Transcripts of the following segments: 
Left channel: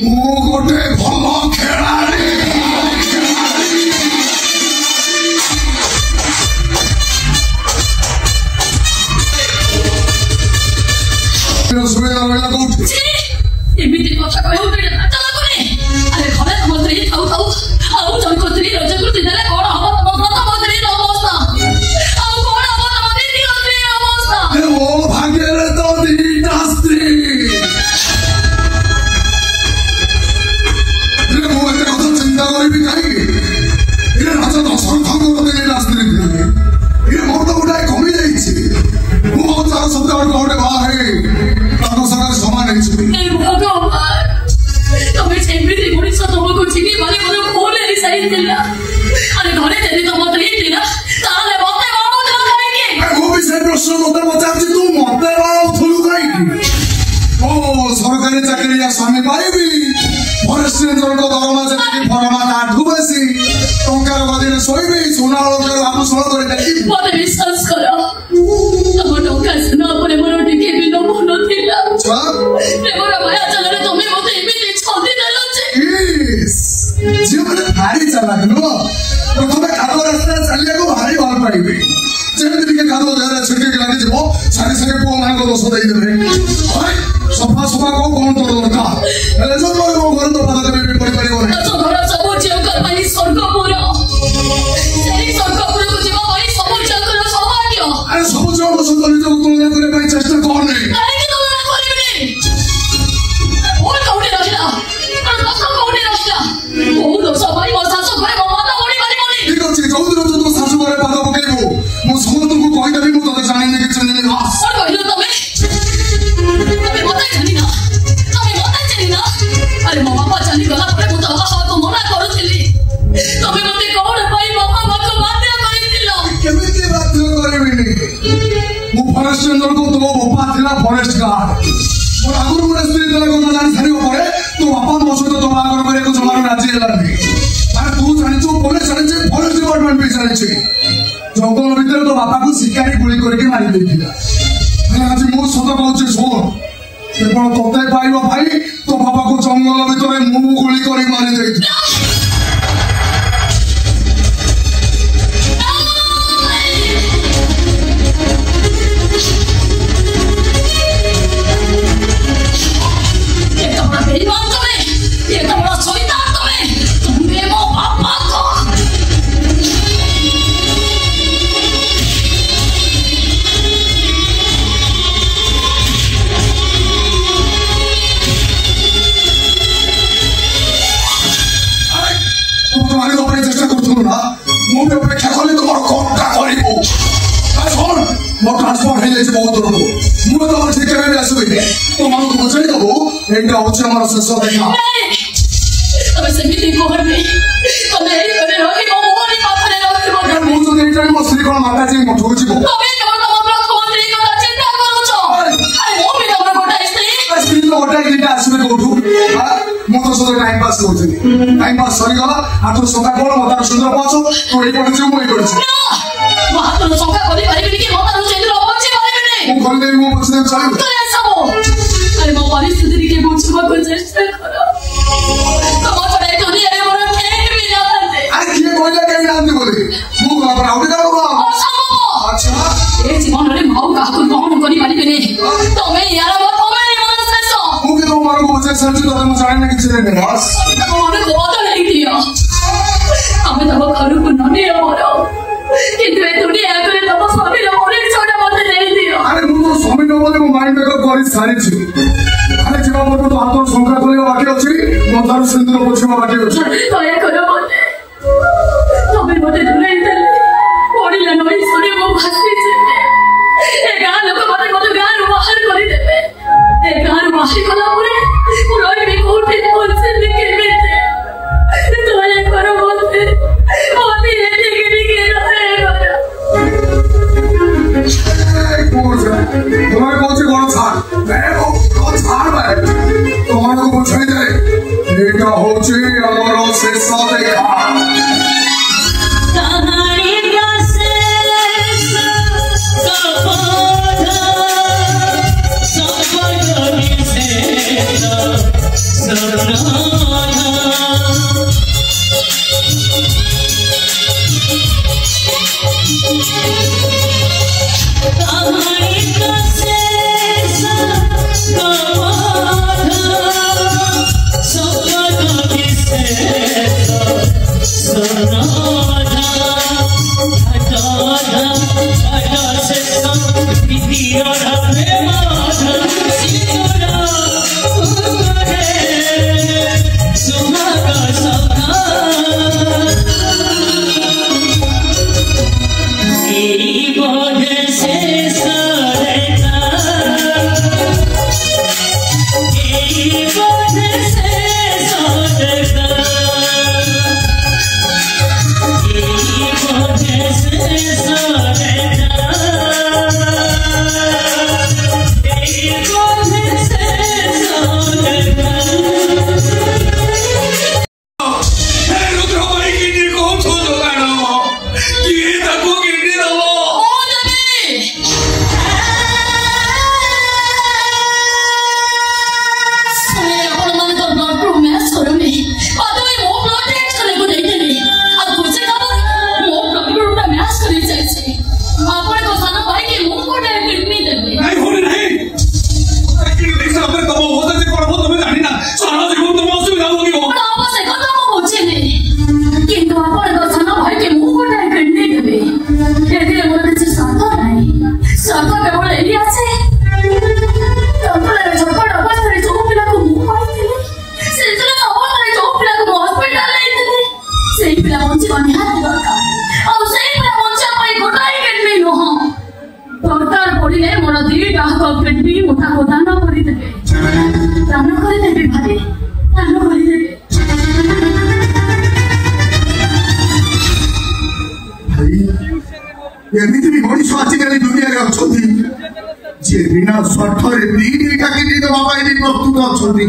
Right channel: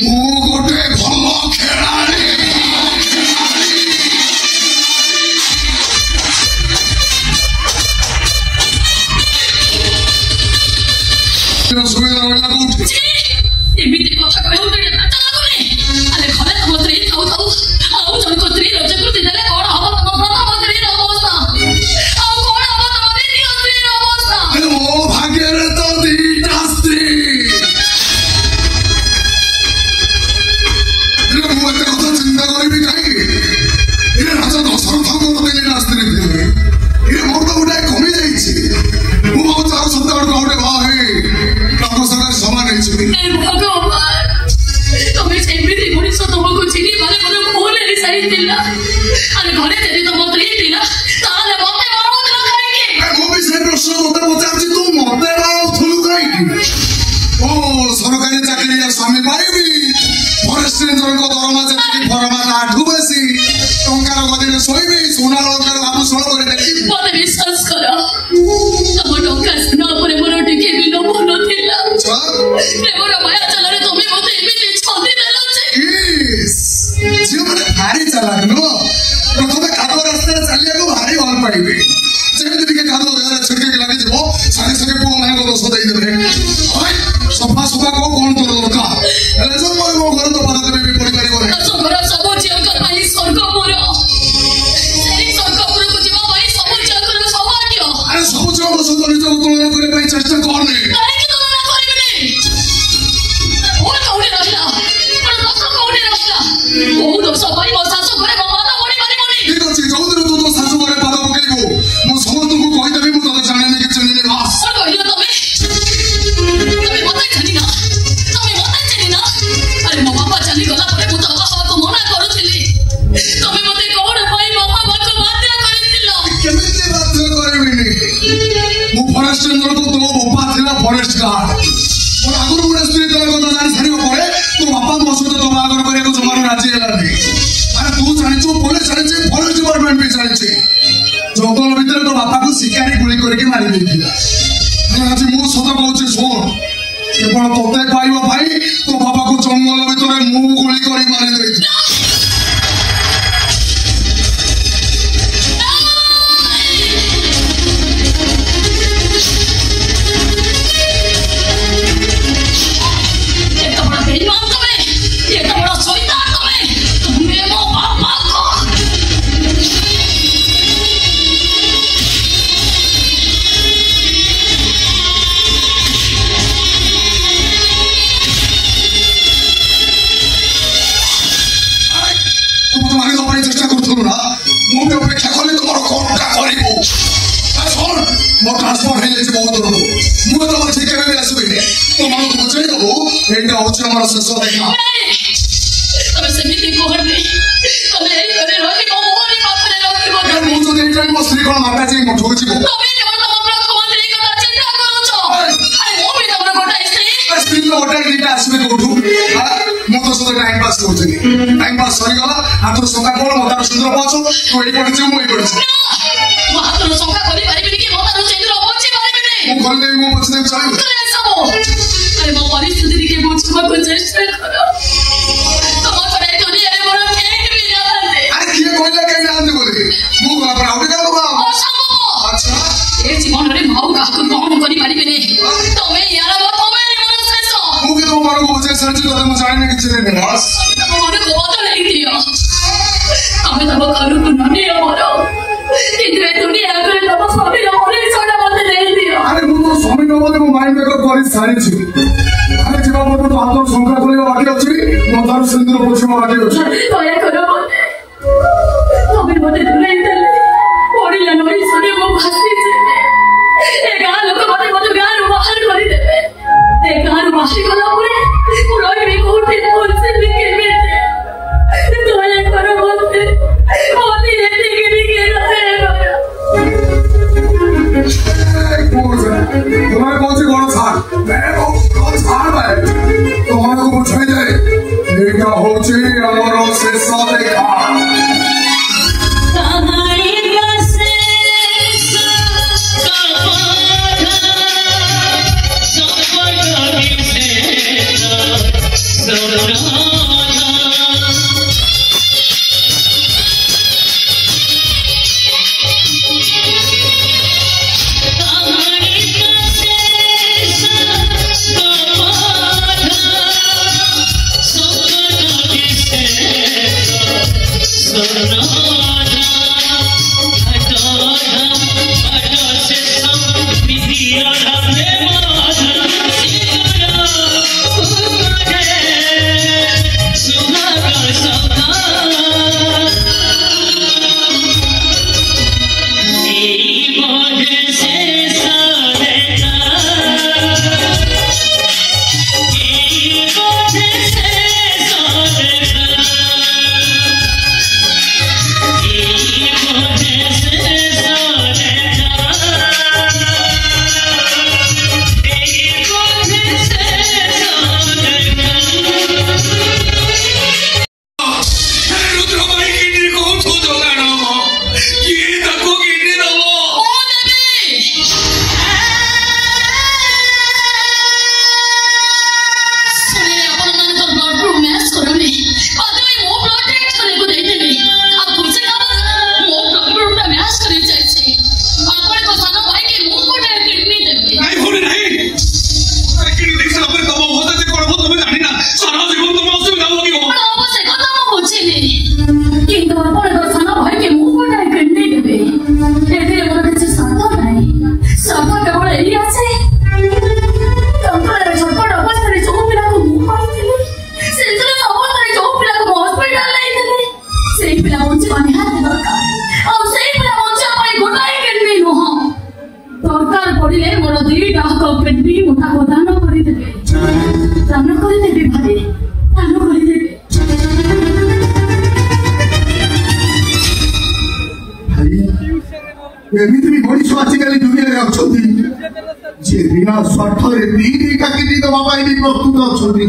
ମୁଁ ଗୋଟେ ଭଲ ଖେଳାଳି जाइतिला अरे घरे जदी तो मत लीतिला ताले मते बाणुतला काहेकि ମୁଁ ବି ସେ ପ୍ରଶ୍ନ ମୋତେ ପଚାରୁଛି ତୁ ମୋତେ ବାଣୁଥିଲୁ କାହିଁକି ସରକାରୀ ଚାକିରିଆ ସ୍ୱାମୀ ପାଇବି ଫରେଷ୍ଟ ରେଞ୍ଜରଙ୍କ ଦରମା ଯେତିକି ଫରମା ଆଠୁ ବେଶୀ ଟଙ୍କାର ଗଦିରେ ଶୋଇବି ସୁନା ଅଳଙ୍କାର ଆଭୂଷଣ କରି ଦେଖିବି ମୋତେ ବିଶ୍ୱାସ କର ତମ ଟଙ୍କା ସୁନା ଉପରେ ମୋର ଟିକେ ବି ଲୋଭ ନଥିଲା ପ୍ରେମର ମାୟା ଜାଲରେ ତମେ ମୋତେ ଏମିତି ଛନ୍ଦି ଦେଲ ଯେ ଝିଅମାନେ ଭାରି ଚାଲାକ ନୁହଁ ପ୍ରଥମେ କାଦୁଅ ରାସ୍ତାରେ ଚାଲିବାକୁ ଭାରି ଭଲ ପାଇବେ ଯେମିତି ଟିକେ କାଦୁଅ ଦେହରେ ଛିଟିକି ଲାଗିଯିବ ସାଙ୍ଗେ ସାଙ୍ଗେ ପୁଅମାନଙ୍କ ଦୋଷ ଦେଇଦେବେ ସଫା ସଫା କଣ ତୋର ଦରକାର ହେଲେ ମୋ ଘରେ ତ ବାଧା ଦେବେ ବି ପଡିପାରିବ ନାହିଁ ଘର ସବୁ ଝିଅଙ୍କ ପାଇଁ ସ୍ୱର୍ଗପୁର ସେଇ ସ୍ୱର୍ଗପୁରକୁ ଯିବା ପାଇଁ ସବୁ ଝିଅଙ୍କର ସୌଭାଗ୍ୟ ଆରେ ସବୁ ଝିଅଙ୍କ ସହିତ ନିଜକୁ ତୁଳନା କରିବା ପାଇଁ ଚେଷ୍ଟା କରନି କାହିଁକି ତୁଳନା କରିବିନି ମୋର କୋଉଠି ରହିଲା ମୋର ଦୋଷ କୋଉଠି ରହିଲା କୋଉ ଦୋଷ ପାଇଁ ମୋ ଶାଶୁ ଘରେ ମୋ ପାଦ ପଡି ପାରିବନି ଠିକ ଅଛି ଯୋଉଦିନ ତୁ ତୋ ଶାଶୁ ଘରେ ପାଦ ପକେଇବୁ ମୁଁ ସମସ୍ତଙ୍କୁ କହିଦେବି ମୁଁ ତୋତେ ଜାଣିନି କି ଚିହ୍ନିନି ବାସ୍ କଣ କହିଲ ତମେ ମତେ ଜାଣିନା अरे मो बापा चली गला पर मु तो बाबा को मना करूथिली तमे मते कोण भाई बाबा को बाध्य करिथिलो केमिति बाध्य करबिनी मु फॉरेस्ट रेंजर को तो बापा थिला फॉरेस्ट गार्ड और आगुर मुरे स्त्री तोर को जानि छाड़ी पड़े तो बापा मो सहित तो बागर करे को जमानो राजी हेलानी अरे तू जानिछु पुलिस जानिछु फॉरेस्ट डिपार्टमेंट भी जानिछु जंगल भीतर तो बापा को शिकारी गुली करके मारी देथिला आज मु सत कहूची सुन केवल तोते पाइब भाई तो बाबा को जंगल भीतर मुंह गोली कर मारी दे अपेक्षा कले तुम कटा कर ट्रांसफर हो जाए बहुत दूर को तुम शिक्षा आसबि तुम बुझे देबू यहाँ हूँ आम शेष देखा मो स्त्री कौन माता जी मठू जी टाइम पास करी टाइम पास सरीगला हाथ सका कौन हाथ सुंदर पाचु तो ये पड़े मुई पड़े हाथ सका करि परिबिनी कि हाथ सुंदर पहुंची परिबिनी मु कर दे मु पछने चली सब अरे मो परिस्थिति के बुझवा को चेष्टा करो तम पड़े दुनिया रे मोर ठेक भी जाते अरे किए कोइला के नाम दे बोली मु बाबा आउट कर बाबा अच्छा ए जीवन रे भाव का को कौन करि परिबिनी तमे यार बाप में मोर शेष मु के तो मारो को बचे सर्च कर मु जाने के चिने ने बस तमे को बदल दियो तमे तब घर को नने मारो किंतु ए दुनिया करे तब स्वामी रे मोरे छोटा बदल दे दियो अरे मु तो स्वामी को मते माइंड मेकअप कर सारी छी अरे जीवा पर तो हाथ संख्या खोलियो बाकी अछि माथा सिंदूर पोछो बाकी अछि दया करो मते तमे मते दुलै दे ओडिला नई सने मो भासी छे ए गां लोक मते गां रो बाहर करि देबे ए गां रो बाहर कला परे रोई भी कोठे बोलसे भी केबे दया करो मते ओती एते गिरी के रहे तुम्हारे कौन सी गौरव छाड़ मैं कौन छाड़ भाई तुम्हारे को बचाई जाए लेकिन हो चाहिए और से सारे ସେଇ ପିଲା ବଞ୍ଚିବା ନିହାତି ଦରକାର। ଆଉ ସେଇ ପିଲା ବଞ୍ଚିବା ପାଇଁ ଗୋଟାଏ କିଡନୀ ନୁହଁ, ଦରକାର ପଡ଼ିଲେ ମୋର ଦିଟା ହାତ କିଡନୀ ମୁଠାକୁ ଦାନ କରିଦେବେ, ଦାନ କରିଦେବେ ଭାଇ, ଦାନ କରିଦେବେ। ଏମିତି ବି ମଣିଷ ଆଜିକାଲି ଦୁନିଆରେ ଅଛନ୍ତି ଯିଏ ବିନା ସ୍ୱାର୍ଥରେ ଦିଟା କିଡନୀ ଦେବା ପାଇଁ ବି ପ୍ରସ୍ତୁତ ଅଛନ୍ତି।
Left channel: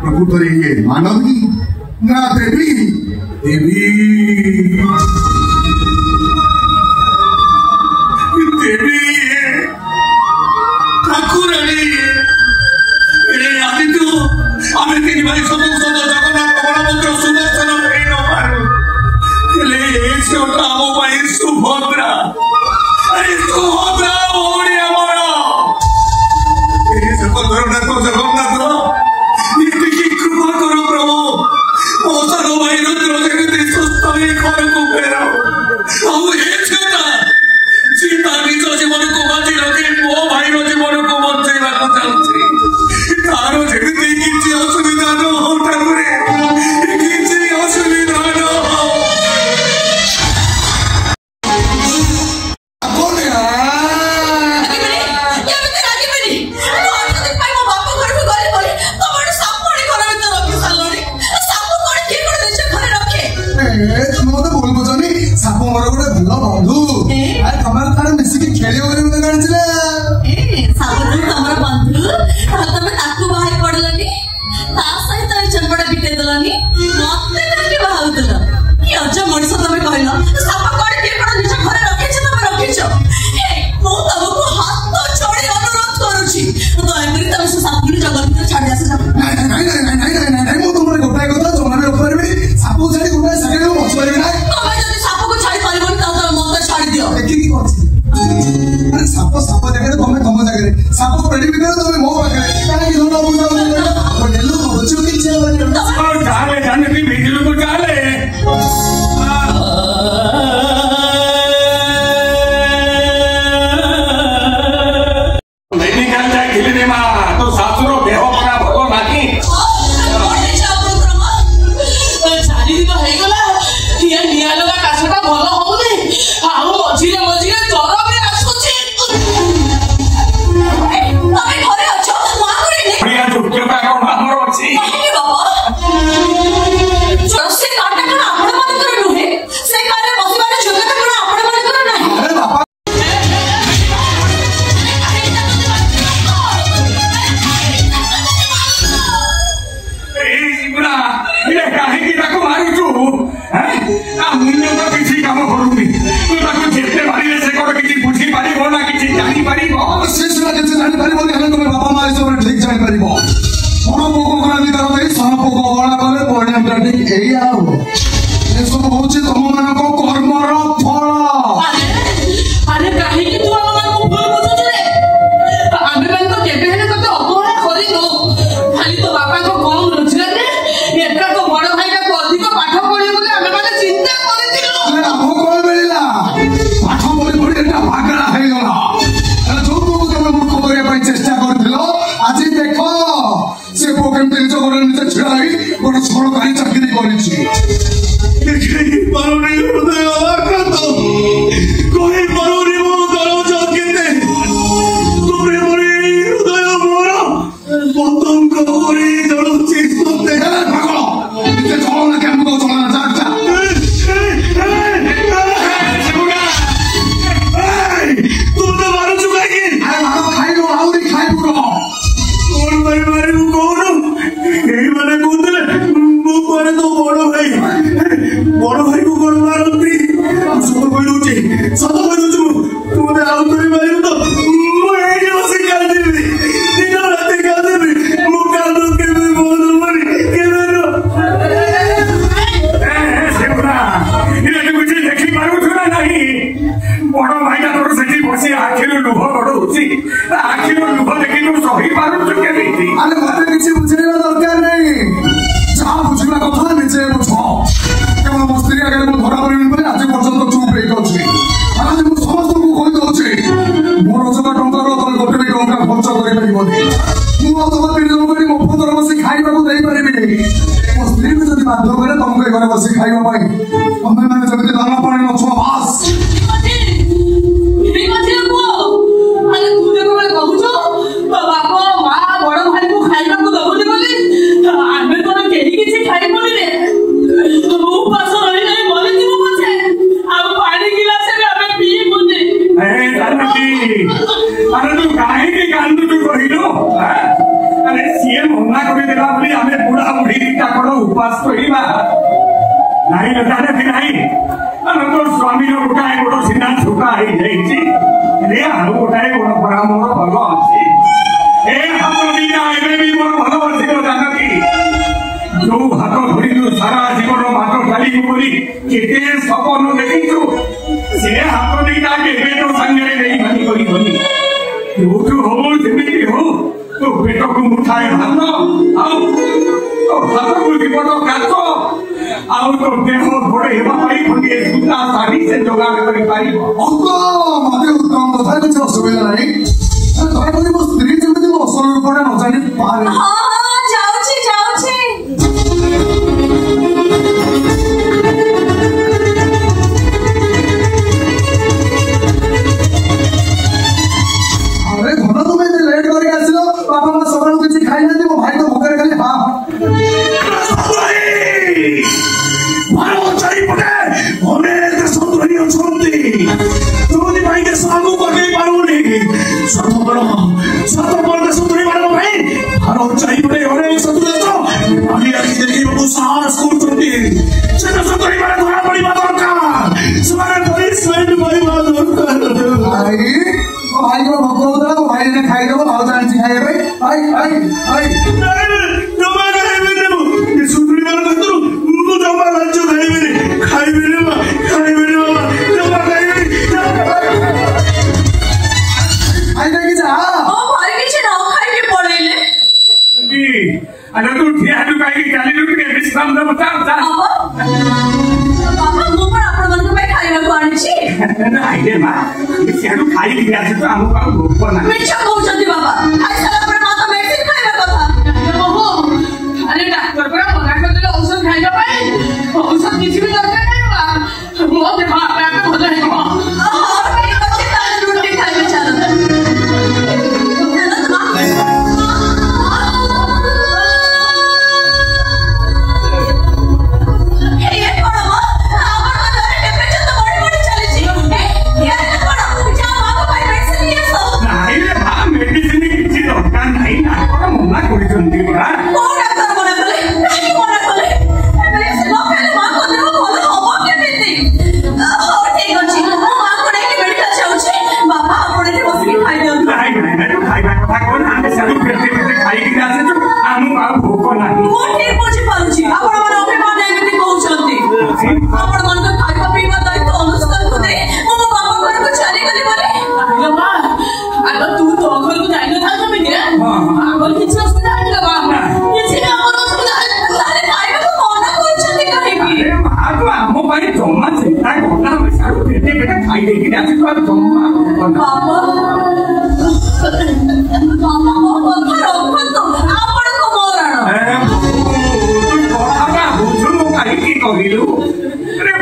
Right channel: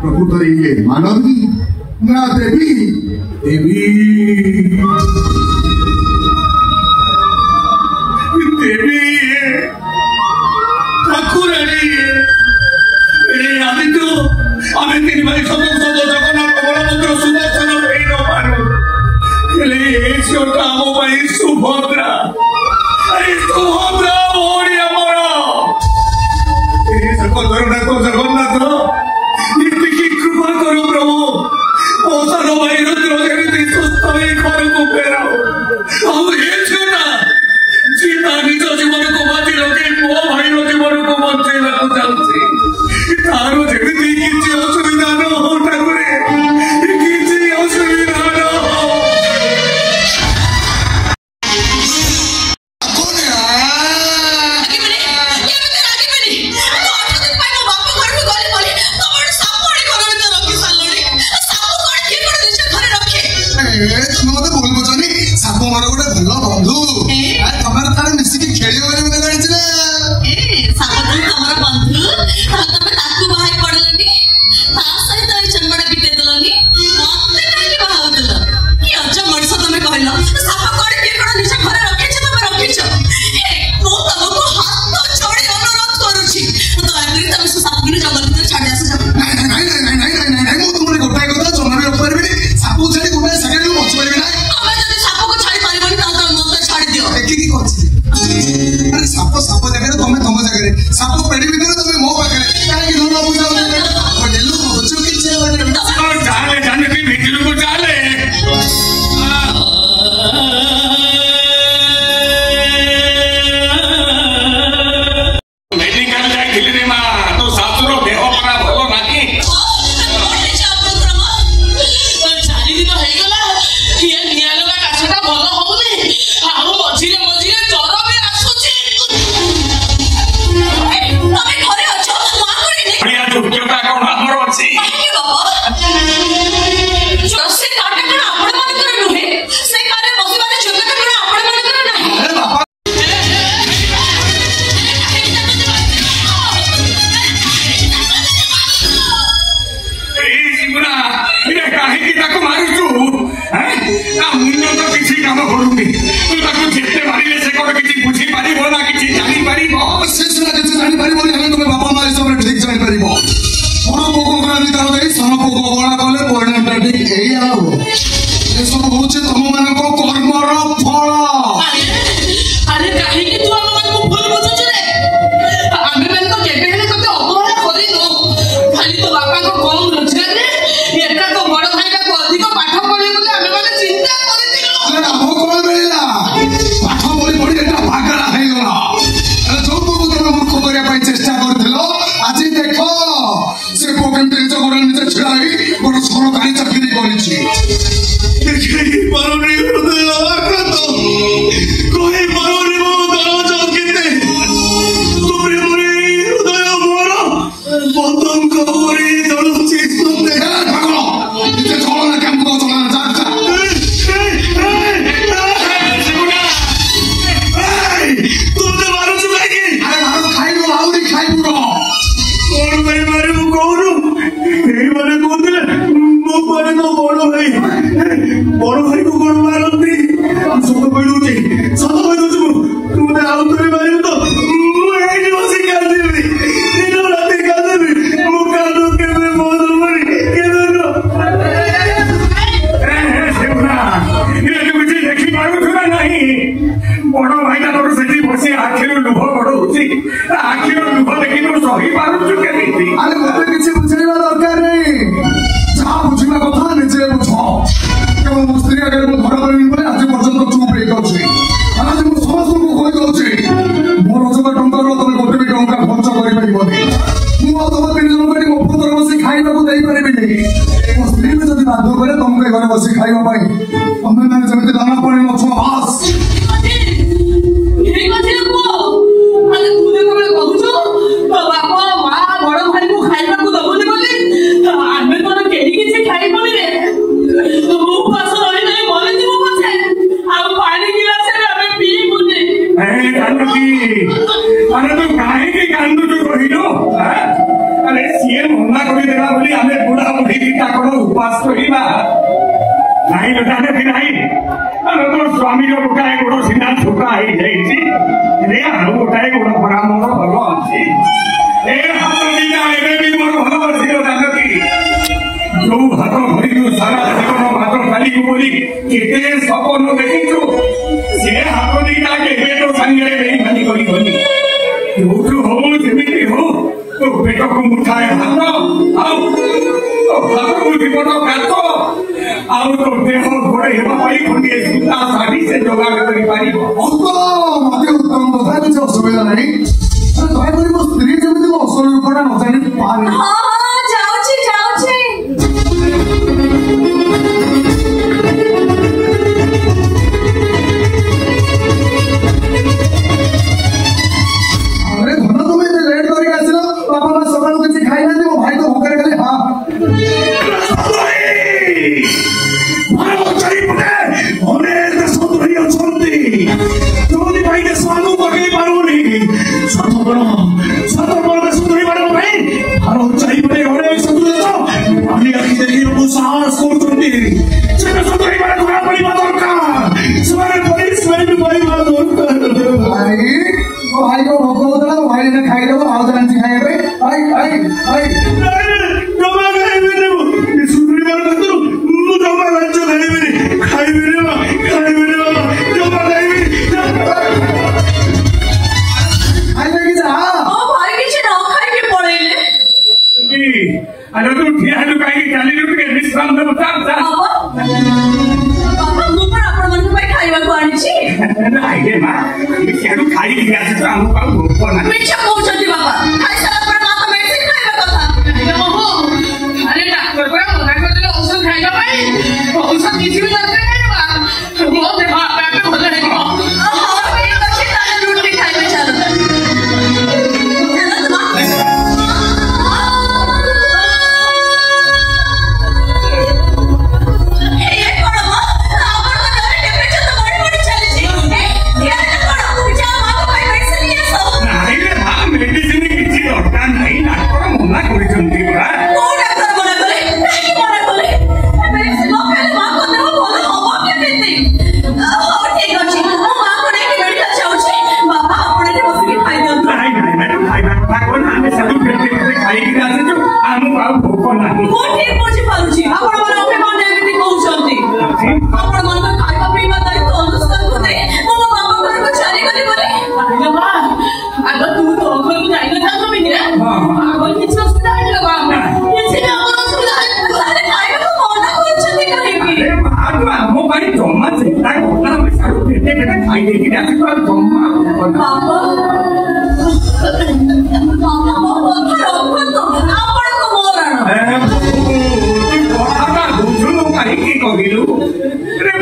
ପ୍ରକୃତରେ ଇଏ ମାନବୀ ନା ଦେବୀ? ଦେବୀ ଦେବୀ ଠାକୁରାଣୀ। ଆଜି তো আমি ତିନି ଭାଇ ଜଗନ୍ନାଥ ବଳଭଦ୍ର ସୁଦର୍ଶନ ହେଇ ନ ପାରୁ, ହେଲେ ଏ ଝିଅଟା ଆମ ପାଇଁ ସୁଭଦ୍ରା। ସୁଭଦ୍ରା ଭଉଣୀ ଆମର। ଜଗନ୍ନାଥ ଜଗନ୍ନାଥ ଏତିକି କୃପା କର ପ୍ରଭୁ, ମୋ ସାନ ଭାଇ ରୁଦ୍ର ଯେମିତି ସୁସ୍ଥ ହେଇ ଘରକୁ ଫେରାଉ। ଆଉ ଏ ଝିଅଟା ଯିଏ ତା ନିଜ ଜୀବନକୁ ବାଜି ରଖି ମୋ ଭାଇର ଜୀବନକୁ ବଞ୍ଚେଇବାକୁ ଚାହୁଁଛି, ତାର ଯେମିତି କିଛି ଅସୁବିଧା ନ ହଉ ଠାକୁରେ, କିଛି ଅସୁବିଧା ନ ହଉ। তুমি মতো ভুল বুঝনি, সাপ ମୋର ଗୋଟେ ଭଲ ବନ୍ଧୁ। ତମର ତାର ମିଶିକି ଖେଳିବ ବୋଲି ମୁଁ ଜାଣିଛି ନା। ସାପ ତମର ବନ୍ଧୁ, ତମେ ତାକୁ ବାହାରି ପଡିଲନି, ତା ସହିତ ଚମ୍ବଡା ବିଟେଇ ଦେଲନି, ମତେ କାହିଁକି ବାହା ହଉଥିଲ? କି ଅଜ ମଣିଷ ତମେ କହିଲ? ସାପ କଣ କିଏ କଣ ନିଜ ଘରେ ରଖିଛ? ତମେ ରଖିଛ? ମୁଁ ତମକୁ ହାତ ଛାଡି ଅନୁରୋଧ କରୁଛି, ଦୟାକରି ତମେ ସେ ସାପକୁ ଜଙ୍ଗଲ ଭିତରେ ଛାଡି ଆସ। ମୁଁ ତୁମର ଗୋଟାଏ କଥା ଜମା ବି ରଖିପାରିବିନି। ସାପ ଛାଡି ଗୋଟାଏ ସେକେଣ୍ଡ ମୁଁ ବଞ୍ଚିପାରିବି ନାହିଁ। ତମେ ଯଦି ସାପକୁ ଛାଡି ପାରିବନି ତାହେଲେ ତମେ ମତେ ଛାଡି ଦିଅ। ଦେଖିକି କହୁଛି ସାପ ସାପ ଜାଗାରେ ତମେ ତମ ଜାଗାରେ, ସାପ ପେଡି ଭିତରେ ତମେ ମୋ ପାଖରେ, କାହିଁକି ଧନ ଚାଲେ ଜାନକୀ ଭିତରକୁ ଚାଲେ। ଏସବୁ ହଉଛି ତମ ମାନଙ୍କ କର୍ମର ଫଳ। ଆରେ କାହିଁକି ତୁ ଆମ ମାନଙ୍କୁ ଭୁଲ ବୁଝୁଛୁ ରେ? ଆମେ ମାନେ ତ କେବେ ହେଲେ ତତେ ଅବହେଳା କରିନୁ, ଖାଲି ତୋ ବାପାଙ୍କ କମ ରୋଜଗାରରେ ଏକା ତୋ ବଡ ଭାଇଟାକୁ ଅଧିକ ପାଠ ପଢିବ ବୋଲି ଆମେ ମାନେ ଚିନ୍ତା କରିଥିଲୁ। ଆମ କଣ ମିଳିଲା? ପାଠ ପଢି ପଢି ଏଟା ଭାଗରା ହେଇଗଲା। ଯୋଉଟୁକୁ ତମେ ମୂର୍ଖ କରିବା ପାଇଁ ଚେଷ୍ଟା କରିଥିଲ, ଆଜି ଦେଖ ସେ ପୁଅ କେମିତି ନିଜ ଗୋଡରେ ନିଜେ ଛିଡା ହେଇ ଗୋଟେ ସରକାରୀ ଚାକିରି କରିଛି। ଦେଖେଇ ପାରୁନି କରି ଘରେ ବସି ଖାଇବା ପାଇଁ ତମେ ମାନେ ଯେମିତି ଦାନା ପାଣି ନଛୁଆ ବାସ୍ उपास नहीं जानकी नहीं तो स्वामी गोटाए गोड़ सीना छुटा ही आलू गोटाए गोड़ पड़ा मोर भल अच्छी हाथ दिटा भी मोर भल बसी जानकी जो हाथ धरु सारा जीवन भात खाली बोली केते सपन देखीचु से हाथ दिटा केबे तो संगे नहीं भानी करी बोली जो हो जेमिति हो तो पेट को मुठाए हाथ आओ हाथ को विपद काट आउ तो देह घोड़े हेबाई खंडे सुता साड़ी से जोगाड़ करि पारिबो मते उत्तम कथा किछ असुविधा नहीं काय करिबो स्त्री जेमिति असल रूपटा न जानि पारे हां हां जाउछि अरे घन तुम्हें लेट करके आसिलो बापा मां सकाळु किछ खाइ ना मो भाई तो भूखे खाली हां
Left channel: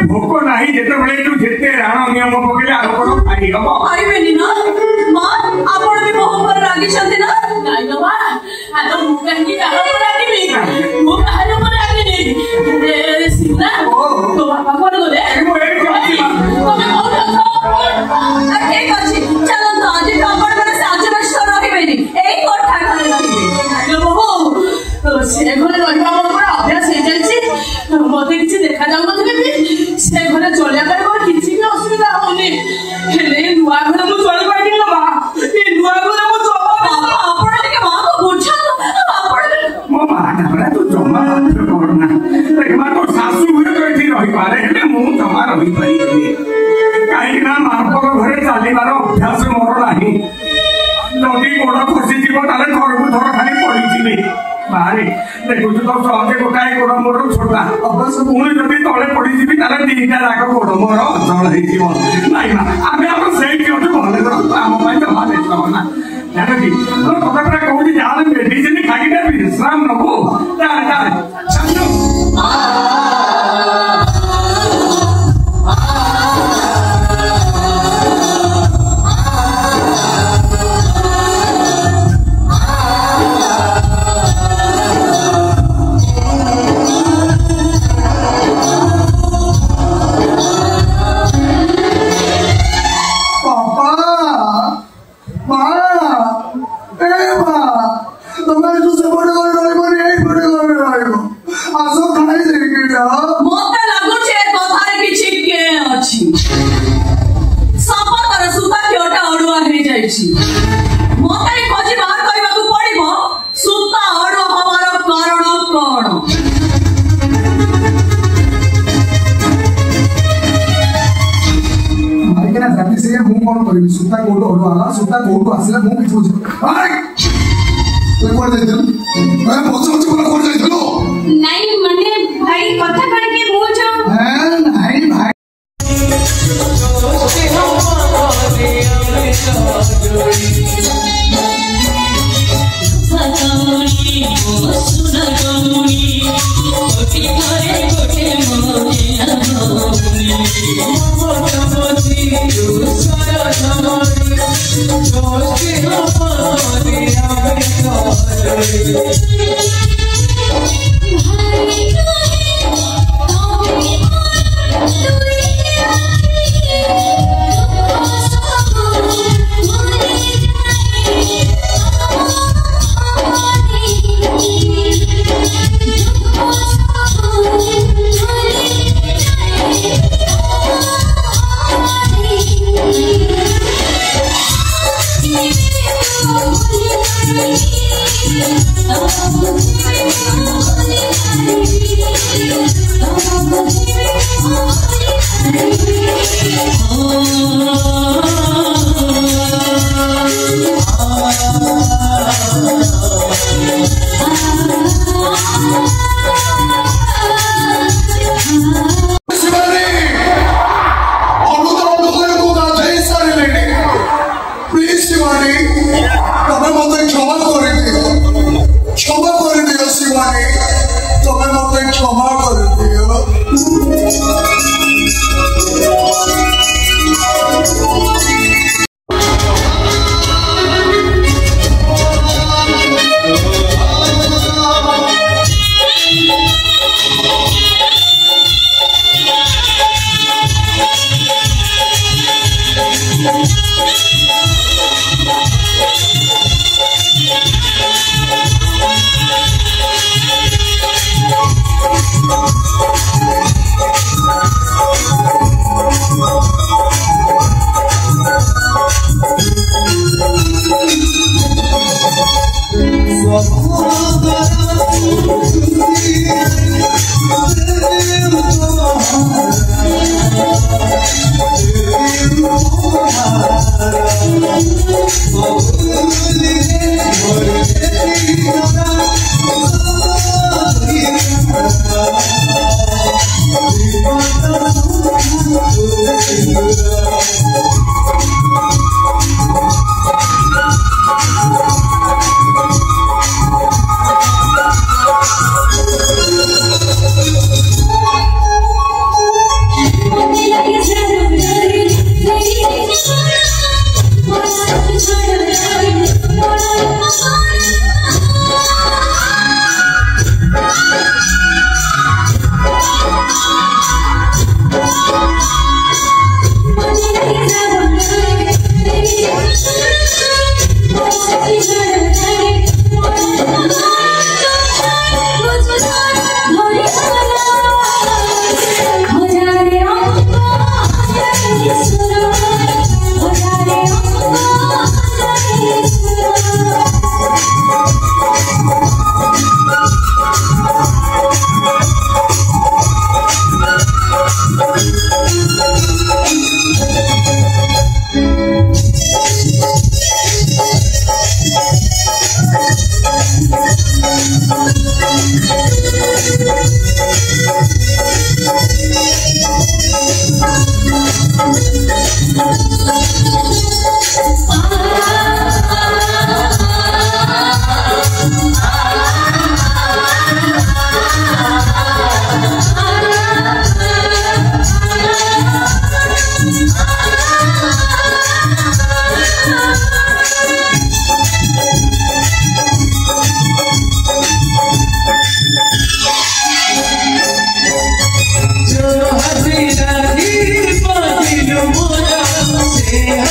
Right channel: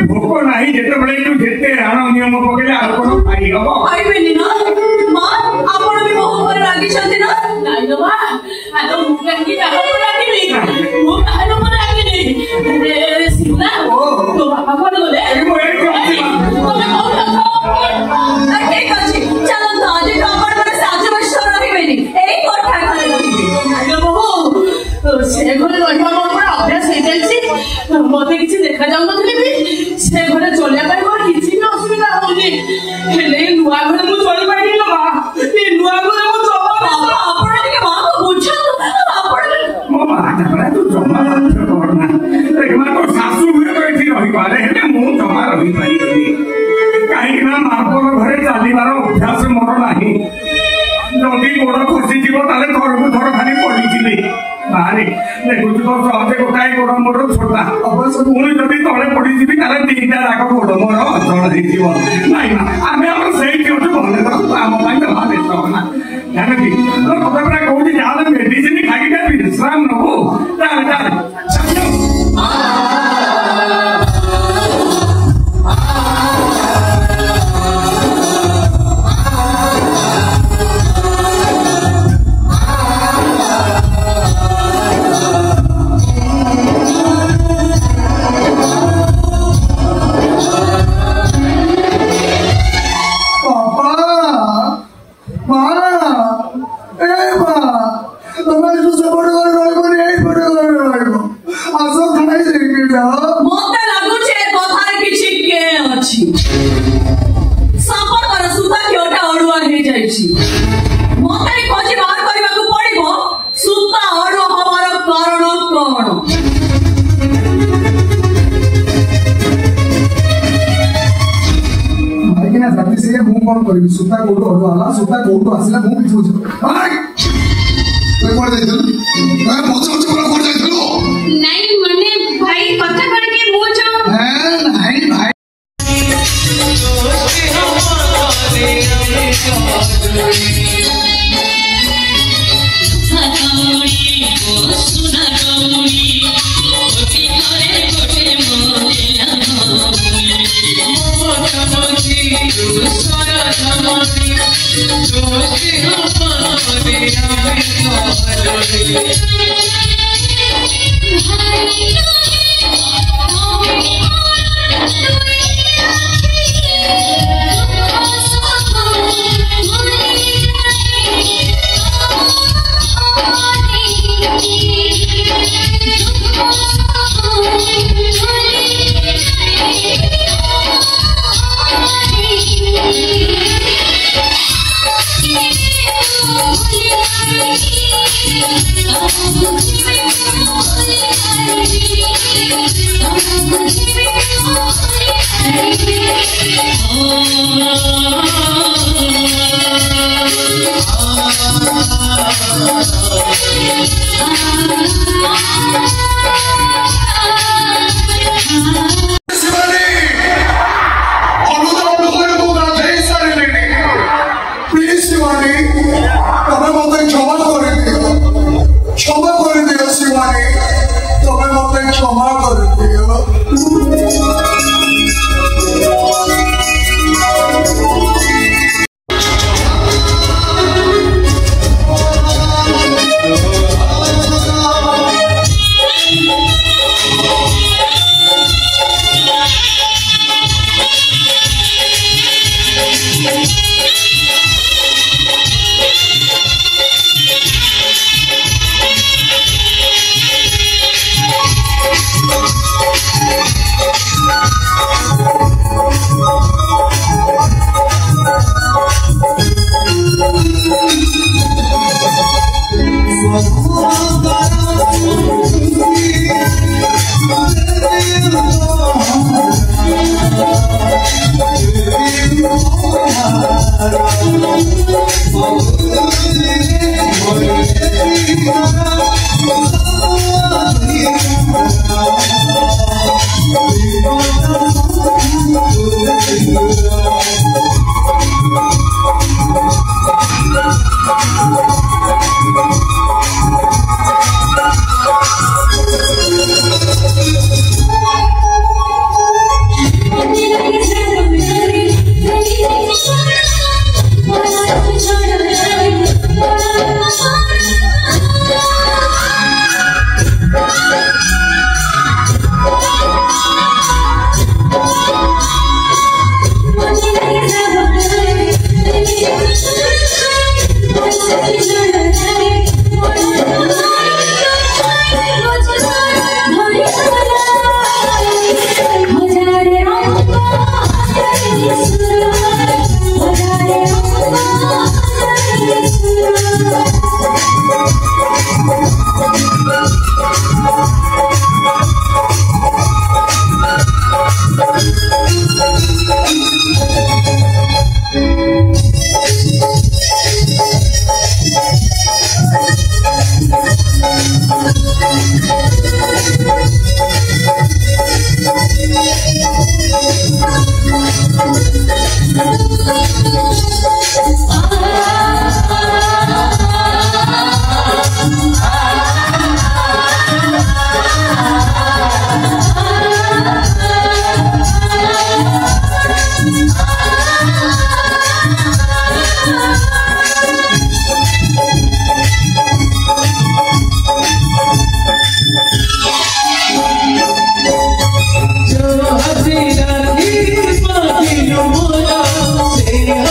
भोक नहीं जिते बड़े तू जिते राणा नियम पकड़े आउ कोन खाई हबो खाइबेनी ना मां आपण भी मोह पर रागी छथि ना नहीं ना आ तो मुंगी डालो पर रागी नहीं मु डालो पर रागी नहीं ए सीना तो बाबा कोन बोले मु ए कहती तमे बहुत अरे कछि चलो तो आज आपण पर साज वर्ष रहिबेनी एई कोठा खाली आलो बाबू से घरे रहिबा मोर अभ्यास हे जायछि मते किछि देखा जाउ नथले से घरे चलिया कर मोर किछि भी असुविधा होनी हेले नुआ घरे मु चली पाइनी बाबा ए नुआ घरे मु चला आपण के मां को बुझा आपण मो मां तू जमा करना ए मां तो सासू घरे कहि रहि पारे हे मु जमा रहि पाई काहे ना मां को घरे चालीबार अभ्यास मोर नाही जल्दी गोड़ खुशी जीव ताले थरकु थर खाली पड़ी बाहर देखो तो सहजे गोटाए गोड़ मोर छोटा अवश्य पुणी जब तले पड़ी ताले तीनटा जाक गोड़ मोर अचल हो नाई आम आम से भले आम तो भावे ना जानकी कथा पूरा कौटी जाए मेडिसिन खाई विश्राम नबू ଅଛି ମତେ ଖୋଜି ବାହାର କରିବାକୁ ପଡିବ ସୁତା ଅଡୁଆ ହବାର କାରଣ କଣ ଭାଇକିନା ଜାତି ସେ ମୁଁ କଣ କରିବି ସୁତା କୋଉଠୁ ଅଡୁଆ ହେଲା ସୁତା କୋଉଠୁ ଆସିଲା ମୁଁ କିଛି ବୁଝି କୁଆଡେ ଯାଇଥିଲୁ ପଛ ପଛ କୁଆଡେ ଯାଇଥିଲୁ ନାଇଁ ମାନେ ଭାଇ କଥା କଣ କି ମୁଁ ଯୋଉ ନାଇଁ ଭାଇ जो हसीना ही पाती मोरा से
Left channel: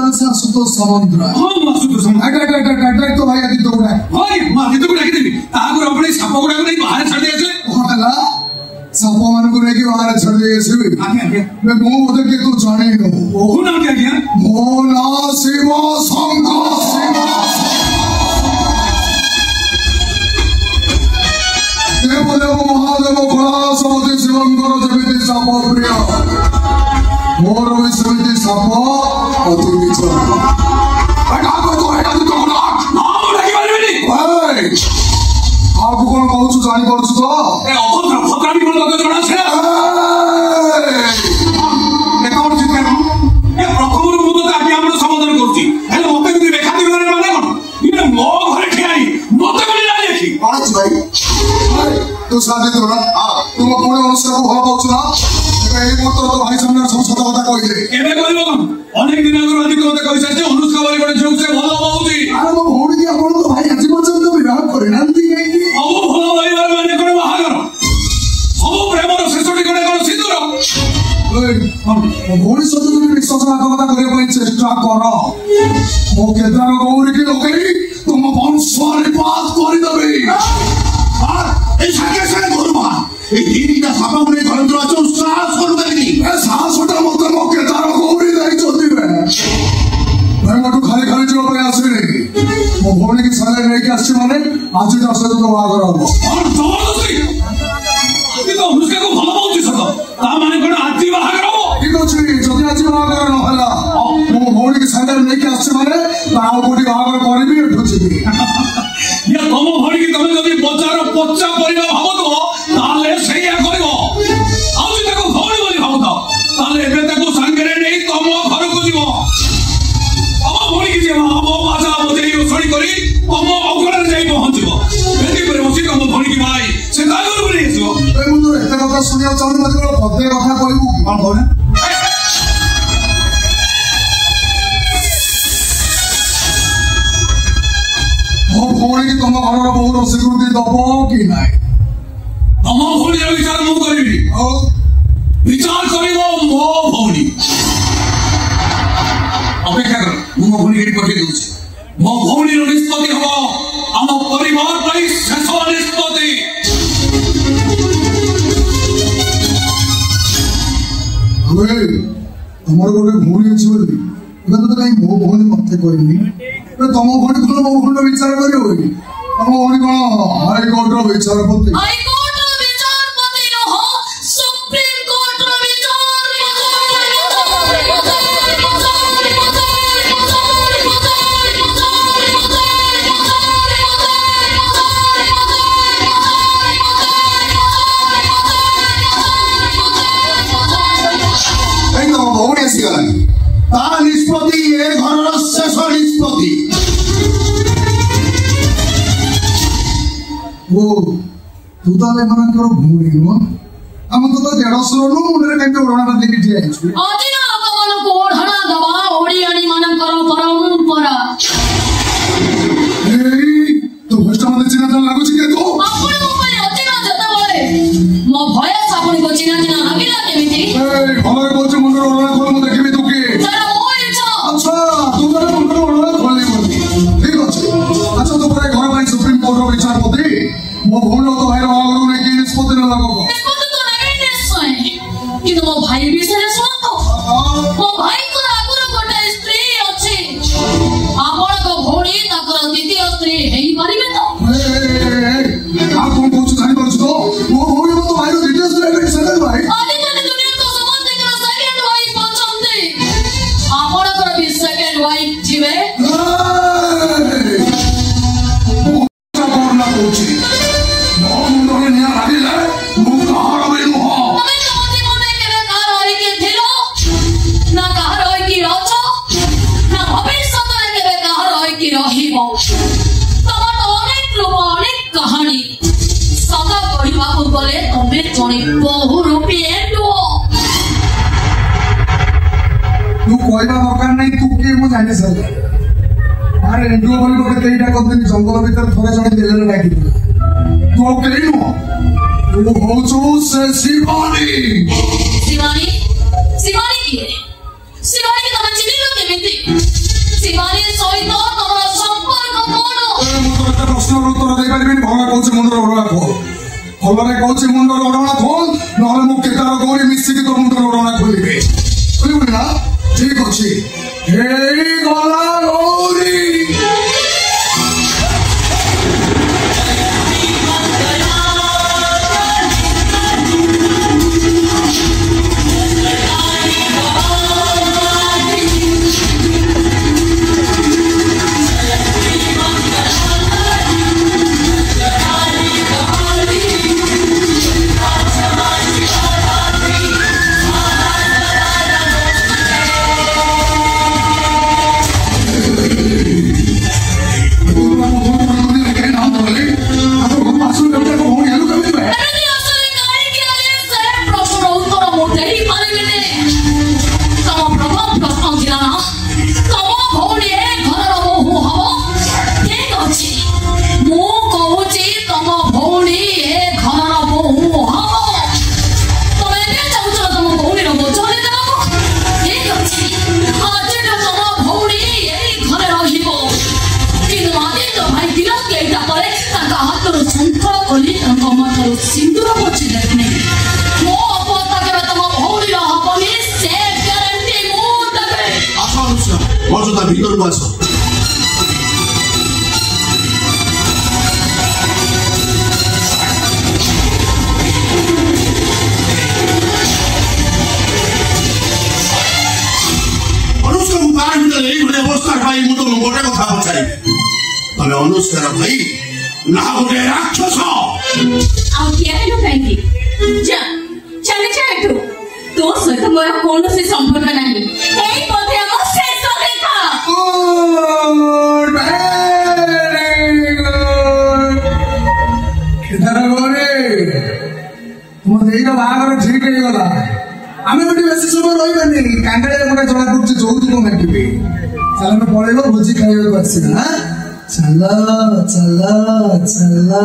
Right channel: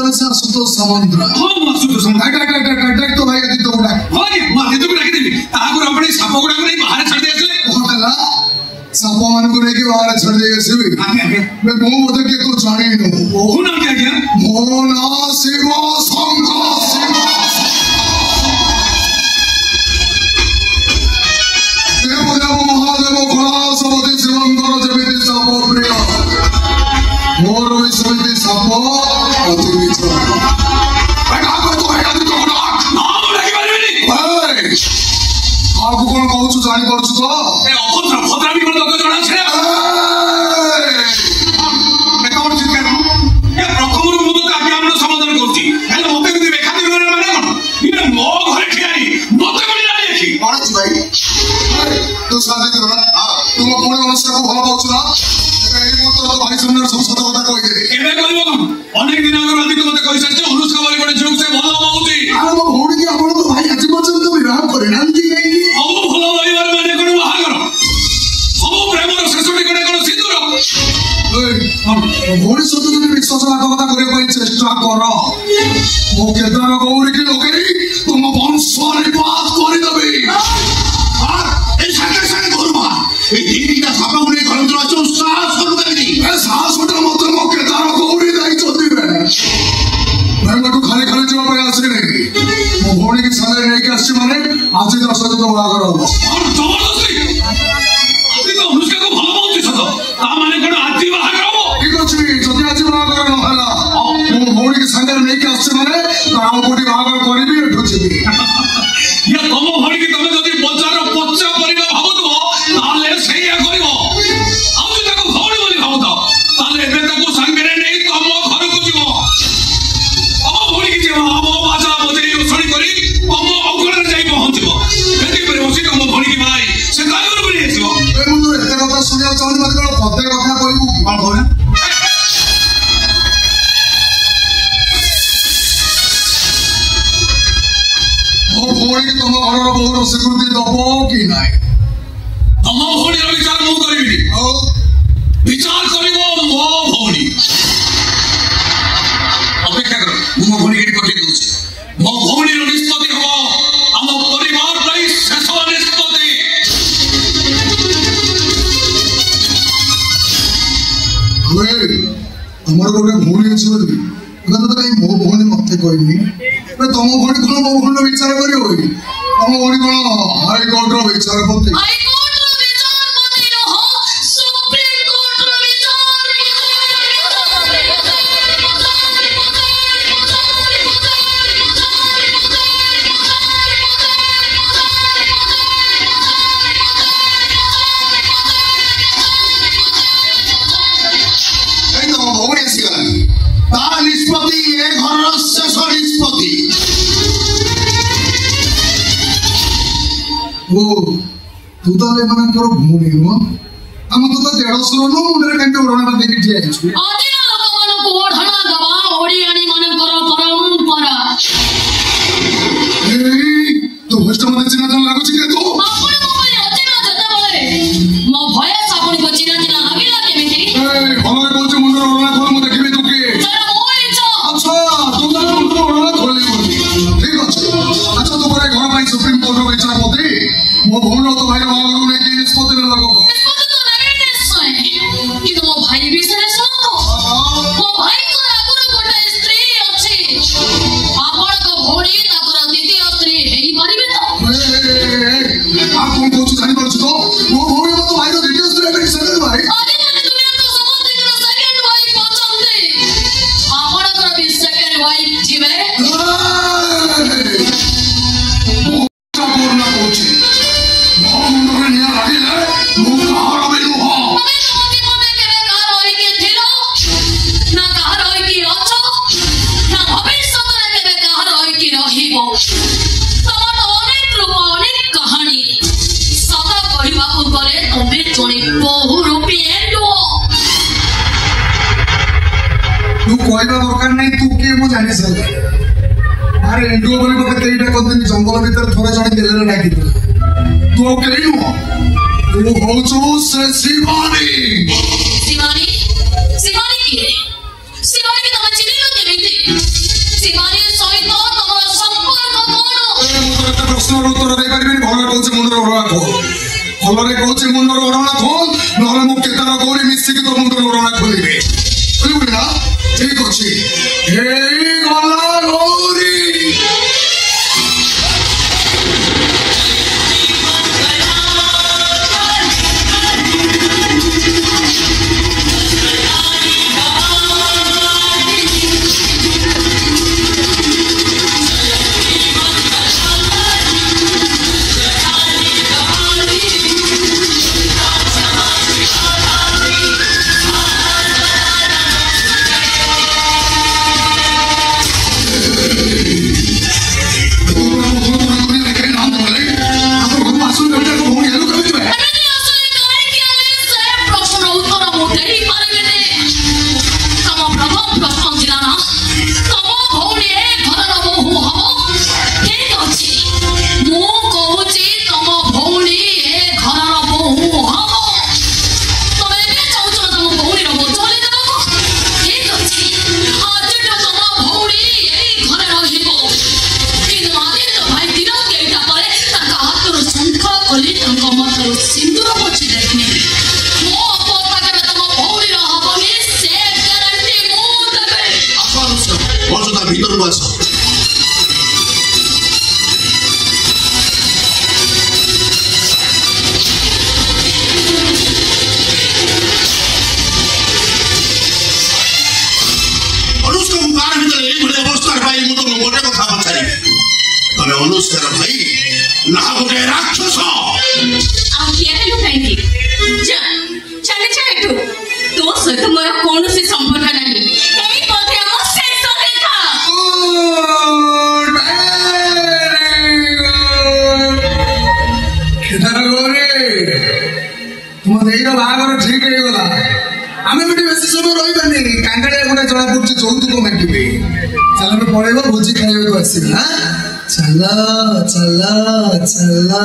ତାହେଲେ ସେ ଆସୁତୋଷ ସାମନ୍ତରା। ହଁ ମୁଁ ଆସୁତୋଷ ସାମନ୍ତରା। ଡାକ ତ ଭାଇ ଆଦିତ୍ୟ ଗୁଡା। ହଁ ମୁଁ ଆଦିତ୍ୟକୁ ଡାକିଦେବି। ତାହାକୁ ଆପଣ ଏଇ ସାପ ଗୁଡାକୁ ନେଇ ବାହାରେ ଛାଡ଼ି ଦେଇ ଆସିଲେ। କଣ ହେଲା? ସାପ ମାନଙ୍କୁ ନେଇକି ବାହାରେ ଛାଡ଼ି ଦେଇ ଆସିବି? ମୁଁ ବୋଧେ କିଏ ତୁ ଜାଣିନୁ। କହୁନାହାନ୍ତି ଆଜ୍ଞା। ମୋ ନାଁ ଶିବ ଶଙ୍କର। ଦେବଦେବ ମହାଦେବ କୈଳାସପତି ଶିବଙ୍କର ଯେମିତି ସାପ ପ୍ରିୟ, ମୋର ବି ସେମିତି ସାପ ଅତି ନିଜ। କଣ କହୁଛୁ ଜାଣିପାରୁଛୁ ତ? ଅନେକ ଦିନ ଆଗରୁ ଆଦିତ୍ୟ ମତେ କହିସାରିଛି ଅନୁଷ୍କା ବୋଲି ଗୋଟେ ଝିଅକୁ ସେ ଭଲ ପାଉଛି। ଭଉଣୀ କି ଆପଣଙ୍କ ଭାଇ ଆଜି ପର୍ଯ୍ୟନ୍ତ ବିବାହ କରିନାହାନ୍ତି। ସବୁ ଭଲ ରହିବାର ମାନେ କଣ ବାହାଘର? ସବୁ ପ୍ରେମର ଶେଷ ଠିକଣା କଣ ସିନ୍ଦୁର? ଭଉଣୀ ସହିତ ଯଦି ବିଶ୍ୱାସଘାତକତା କରିବା ପାଇଁ ଚେଷ୍ଟା କର, ମୋ କେଦାର ଗୌରୀକି ଲଗେଇ ତୁମ ବଂଶ ନିପାତ କରିଦେବି। এই সাথে সাথে করবা এই দিনটা সাপা করে ঘর ভিতরে আছে সাহস করবেনি। ଏ ସାହସଟା ମତେ ମୋ କେଦାର ଗୌରୀ ଦେଇଛନ୍ତି। ବେଳଠୁ ଖାଲି ଖାଲି ଯିବା ପାଇଁ ଆସିନି। ମୋ ଭଉଣୀକି ସାଙ୍ଗରେ ନେଇକି ଆସିଛି ମାନେ ଆଜି ତା ସହିତ ବାହାଘର ହବ। ଅନୁଷ୍କାକୁ ଭଲ ପାଉଛି ସତ, ତା ମାନେ କଣ ଆଜି ବାହାଘର ହବ? ଠିକ ଅଛି, ଯଦି ଆଜି ବାହାଘର ନହେଲା ମୋ ଭଉଣୀକି ସାଙ୍ଗରେ ନେଇକି ଆସିଛି ମାନେ ତା ଆଉ କୋଉଠି ବାହାଘର କରିବି, ଏଠୁ ଯିବି। ତମ ଭଉଣୀକି ତମେ ଯଦି ବଜାର ପଚା ପରିବା ଭାବୁଥିବ ତାହେଲେ ସେଇଆ କରିବ। ଆଉ ଯଦି ତାକୁ ଭଉଣୀ ବୋଲି ଭାବୁଥାଅ ତାହେଲେ ଏବେ ତାକୁ ସାଙ୍ଗରେ ନେଇ ତମ ଘରକୁ ଯିବ। ତମ ଭଉଣୀକି ଯିବ ଆମ ବାଜା ବଜେଇ ରୋଷଣୀ କରି ତମ ଅଗଣାରେ ଯାଇ ପହଞ୍ଚିବ। ଏଥିପରେ ବସି ତମ ଭଉଣୀକି ଭାଇ ସେ ଗାଈରୁ ନେଇ ଆସିବ। ମୁଁ ତ ଏତେ କଥା ଶୁଣିବାକୁ ଚାହୁଁନି, ମତେ କଣ ପଦେ କଥା କହିବୁ? କଣ କହୁନା? ମୋ ଭଉଣୀକି ତମ ଘରର ବୋହୂର ସ୍ୱୀକୃତି ଦବ କି ନାହିଁ? ତମ ଭଉଣୀର ବିଚାର ମୁଁ କରିବିନି, ବିଚାର କରିବ ମୋ ଭଉଣୀ। ଅପେକ୍ଷା କର, ମୁଁ ମୋ ଭଉଣୀ ଏଠି ପଠେଇ ଦଉଛି। ମୋ ଭଉଣୀର ନିଷ୍ପତ୍ତି ହବ ଆମ ପରିବାର ପାଇଁ ଶେଷ ନିଷ୍ପତ୍ତି। ତମର ଗୋଟେ ଭଉଣୀ ଅଛି ବୋଲି ତ କାହିଁ ମୋ ଭଉଣୀ ମତେ କହିନି? ତମ ଭଉଣୀ କଣ ମୋ ଭଉଣୀର ବିଚାର କରିବ କି? ତମ ଭଉଣୀ କଣ ହାଇକୋର୍ଟର ବିଚାରପତି? তার নিষ্পত্তি এ ঘরের শেষ নিষ্পত্তি। ଓ ତୁ ତାହେଲେ ଏମାନଙ୍କର ଭଉଣୀ ନୁହଁ? ଆମ ତ ଦେଢ଼ଶହ ନୁହଁ, ମୁଣ୍ଡରେ କାହିଁକି ଓଢ଼ଣାଟା ଦେଇକି ଠିଆ ହେଇଛୁ? ଅଜିନା ଲୋକମାନଙ୍କୁ ଓଢ଼ଣା ଦବା ଓଡ଼ିଆଣୀ ମାନଙ୍କର ପରମ୍ପରା। ତୋ ଭଏସଟା ମତେ ଚିହ୍ନା ଚିହ୍ନା ଲାଗୁଛି କି? ତୁ ଆପଣ ମୋ ପାଇଁ ଅଜିନା ଯେତେବେଳେ ମୋ ଭଏସ ଆପଣଙ୍କୁ ଚିହ୍ନା ଚିହ୍ନା ଲାଗିଲା କେମିତି? ଭଲ କହୁଛୁ, ମୁଣ୍ଡର ଓଢ଼ଣା ଖୋଲ, ମୁଁ ଦେଖିବି ତୁ କିଏ। ଆଚ୍ଛା, ତୁ ତାହେଲେ ମୁଣ୍ଡର ଓଢ଼ଣା ଖୋଲିବୁ। ଠିକ ଅଛି। ଆଚ୍ଛା, ତୁ ପରେ ଘର ପାଇଁ ସୁପ୍ରିମକୋର୍ଟର ବିଚାରପତି, ମୋ ଭଉଣୀ ତୋ ଭାଇର ବାହାଘରକୁ ନେଇକି ନିଷ୍ପତ୍ତି ନେବା କଣ? କିନ୍ତୁ ମୋ ଭାଇ ବିଷୟରେ ଶୁଣନ୍ତୁ। ମୋ ଭାଇଙ୍କର ଆଗରୁ ଗୋଟେ ସ୍ତ୍ରୀ ଅଛି। ଆପଣଙ୍କ ଭଉଣୀ ତାଙ୍କର ଦ୍ୱିତୀୟ ସ୍ତ୍ରୀ ହେଇପାରିବେ ତ? ଆଉ କଣ କହୁଛୁ ଜାଣିପାରୁଛୁ ତ? ମୋ ଭଉଣୀ ତୋ ଭାଇର ଦ୍ୱିତୀୟ ସ୍ତ୍ରୀ ହେବେ, ସେକେଣ୍ଡ ଭାଇ। ଆଜିକାଲି ଦୁନିଆ ତ ସମସ୍ତଙ୍କର ସେକେଣ୍ଡ ୱାଇଫ୍ ଅଛନ୍ତି। ଆପଣଙ୍କର ବି ସେକେଣ୍ଡ ୱାଇଫ୍ ଯିବେ? तू कहवा दरकार नहीं, तू किए मु जानी सारे। अरे एंडुओ बोली मते केईटा करदिन जंगल भीतर थोड़े जण गेलेले डाकी तू केई नु तू होचु से शिवानी। शिवानी शिवानी की शिवानी की तम चिन्हिलो केमिति? शिवानी सहित तमर संपर्क कोन प्रश्न उत्तर दे पारिबिन भले कहूँ मुंडर ओढ़ना खोल भलरे कहूँ मुंडर ओढ़ना खोल ना मु केतार गौरी मिसिकी तो मुंडर ओढ़ना खोलिबे बुझिबुनि ना ठीक अछि हे गला गौरी सिंदूर पछी देखने मो अपन पाके तम भौरी रहबनी से ग्यारंटी मो देबे आसन मर्यादा भीतर बस अनुष्का मुखार भीतर এই ভলে অবস্থার ভাই মুতো গোটে কথা পছারি তবে অনুষ্কার ভাই না গোটে রাক্ষস आखियालो काहे जा चले चले तो सहित मोर कौन से संपर्क नहीं एई पथे हम शेष देखा केदार गौरी तुम देईर बाहागर ठीक हे गला आमे बेटी बेसी समय रहिबानी कांगाळिया गोटे जणा कुछ चौथुक माटिबे चल हम पळेबो भोजी खाइबो आसी हां चला चला चला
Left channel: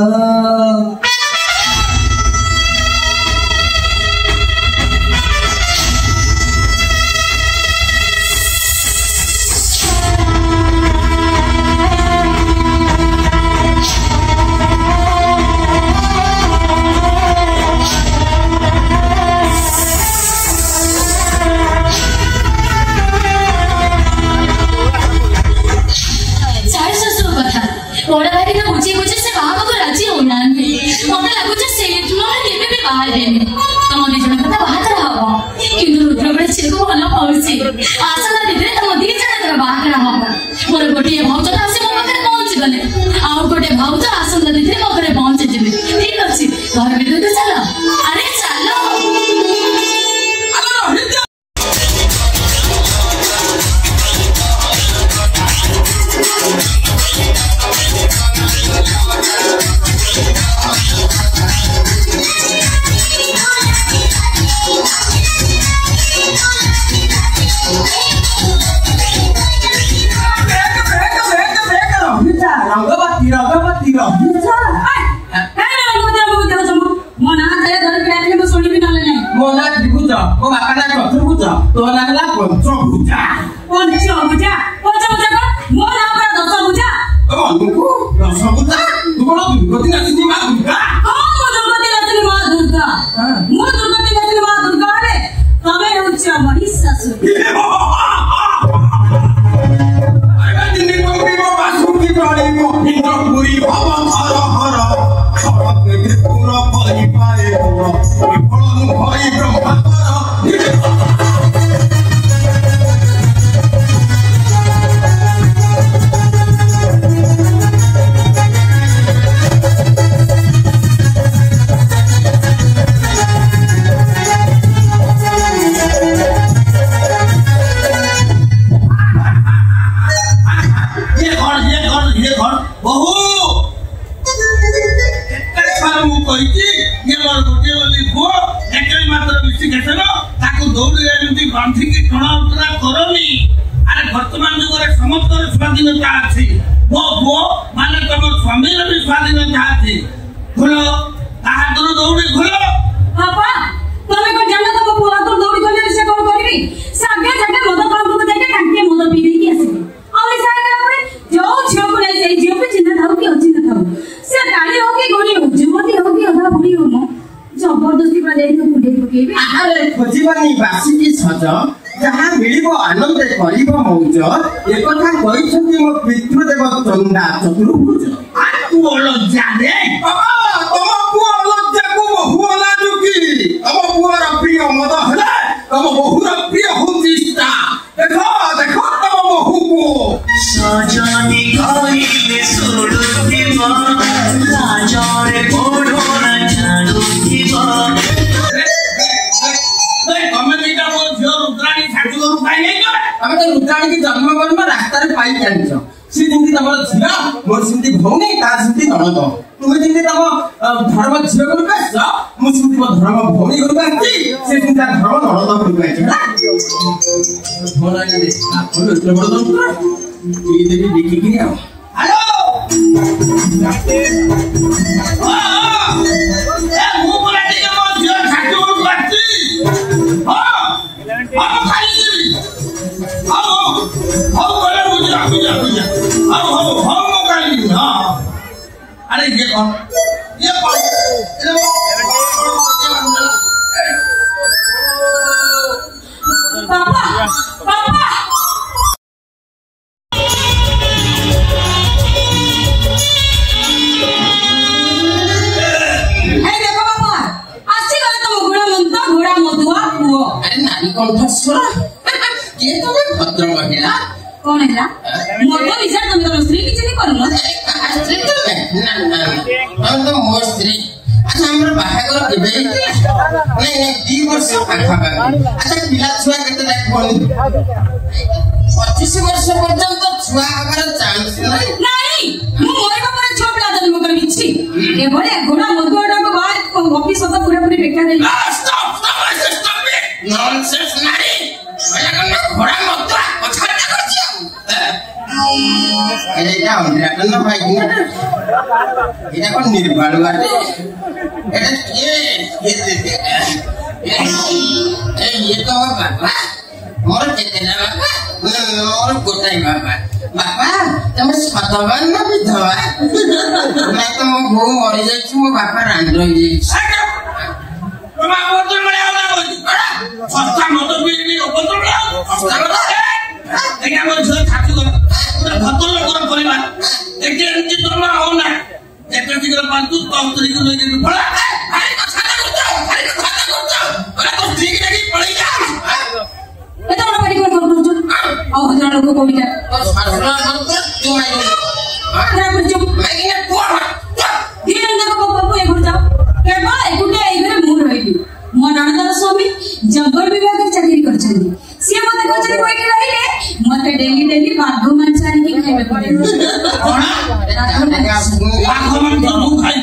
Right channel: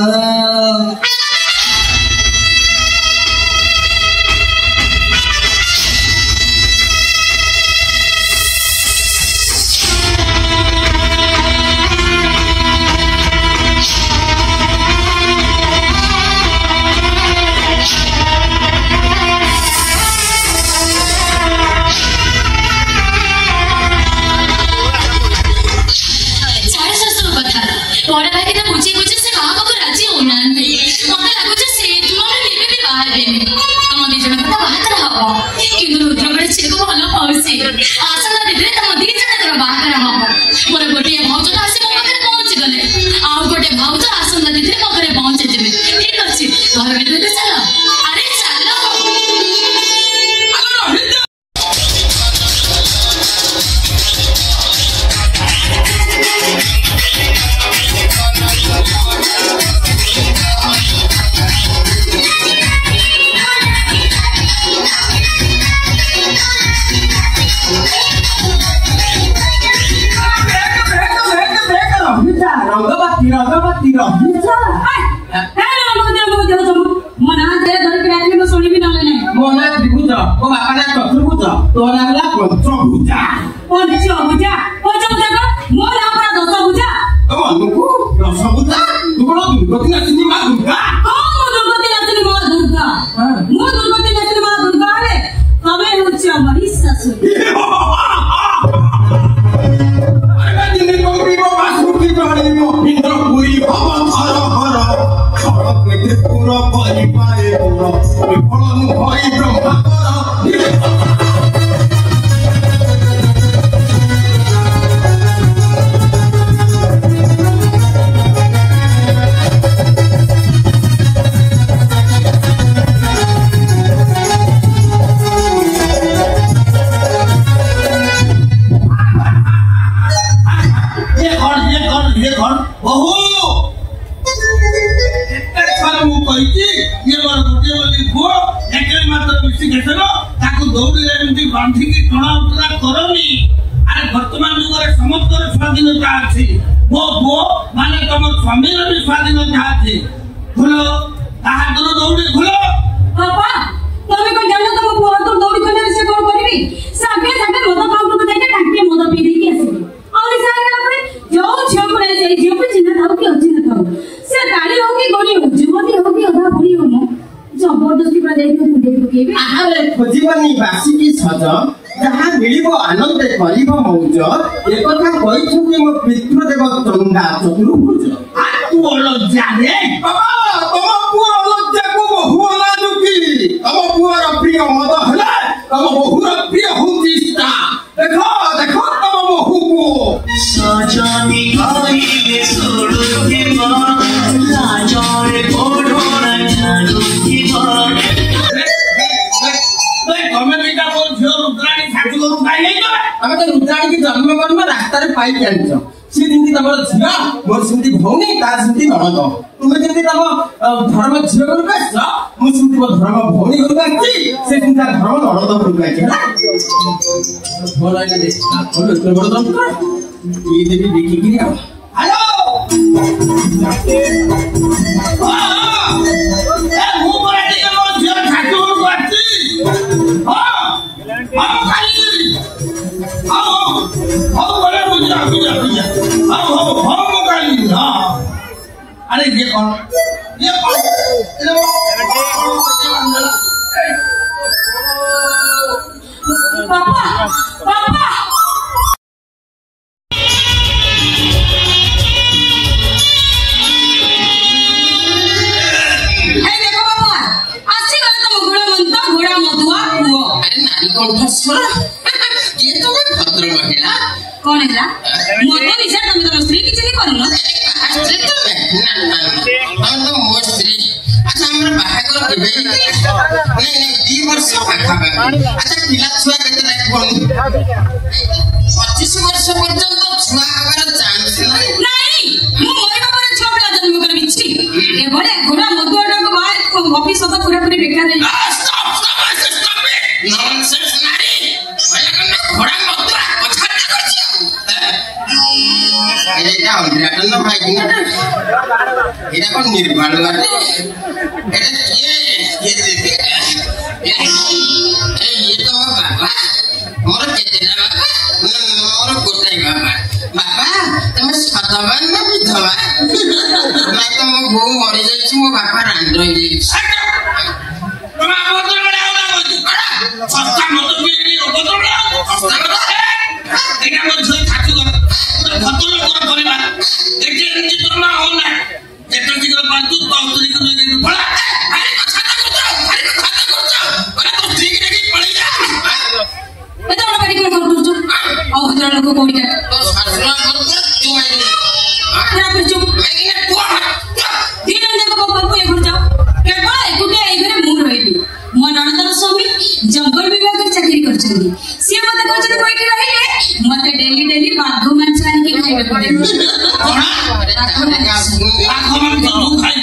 बड़ा भाई के पूछे पूछे से कहा को राजी होना नहीं मते लागु जे से तुम लेबे भी बाहर देने तम दी जण कथा बाहर रहबो किंतु रुद्र बड़े छिको भलो पहुंची आशा ना दे तम दी जण कर बाहर रहबो मोर गोटे भाउज आसे मो पाखरे पहुंच गले आ गोटे भाउज आसन दी मो पाखरे पहुंच जिबे ठीक अछि घर भीतर चलो अरे चलो जबरदस्ती पूरा जाई तो कुडे पकेबे आरे खोजिबनी बासी की सज जहाँ मिलिबो आनंद करिबो मौज ए कथा कहिछन्ति मो पितृदेव चंदा चतुर्भुज आ तू लज्जा रे बाबा तम पुआ लज्जा को बहु लाजु की तम पुआ प्रिय मद हला तम बहुर प्रिय हुंदिस्ता देखो देखो तम बहु को सजनी करिले सोडुथिबो राजारे कोडोना जाडुथिबो ଆମେ ତ ରୁଦ୍ରାଣୀ ଜନ୍ମ କରିବା ରାସ୍ତାରେ ପାଇ ଜାଣିଛ ସେ ଯେମିତି ତମର ଝିଅ ମୋର ସେମିତି ଭଉଣୀ ତାର ସେମିତି ନଣନ୍ଦ ତୁମେ ଯେମିତି ତମ ଧର୍ମ ଝିଅ ଘରକୁ ଆସିଛ ମୁଁ ସେମିତି ମୋ ଧର୍ମ ଭଉଣୀ ଘରକୁ ଆସିଛି ସେ ସେମିତି ତା ଧର୍ମ ନଣନ୍ଦ ଘରକୁ ଆସିଛି ଏତେ ବଡ ଯନ୍ତ୍ର ଏଇ ଦେବି ଦେଖିକିରି ଆଉ ହ୍ୟାଲୋ ମୁଁ ପରା ଟିକେ ମୋ ଝିଅ ଠାକୁର ଘରକୁ ଆସିଛି अरे ये कौन पापा पापा भद्र महिला कौन है मत विचार तुम तो स्त्री किसी नहीं करूँ स्त्री तो मो स्त्री अच्छा हमर बाहागर केबे नहीं 2 वर्ष पाखा अच्छा पिला छुआ केते लाइक कोन 25 वर्ष पर्यंत छुआ हमार चांस नहीं मु मोइबा पर छोपला जन्म कर बिछि ए बोले गुना मधुडा को बाद ऑफिस तो पूरा पूरी बेकार है स्टॉप नॉनसेंस नारी मला कना घोडा मधुडा कथा करछ एटा अंधराटन भाई गुना एटा कोन निर्बाल बाटे एटा ये तो बाबा मोर केते ना बाबा मोर गोटाई बाबा बाबा तुम सतवान ना विधवा मैं तो मो गो मरि जाछि मो बापा रांड रहि जाछि तुम बोतल बड़ा होला होछि बड़ा सस्ता मत पीली बोतल बड़ा सस्ता बड़ा एका मो झ ठाकु भतल लोकर परिवार एके एंजी तोमा होला जेटा जिगर पांतु तौतरी को लेके पड़ा अरे कथा करछ बड़ा तो ठीक नहीं पड़ी जा ए तो बड़ी को करछ औ हजार लोग कोडी का तो सासरा करछ तू आई पूरा कुछ मैं पुआ दिन अंदर को बाबू ए घर जाओ केवल एकुटे ए घर मु रहिली मो ननदर स्वामी जंगल विभाग में चाकरी करछली से मते कहछली कोइ के रहिले मते डेली बाघ मांस आनी के खाइबे पड़े कोन बाघ मांस तू खाई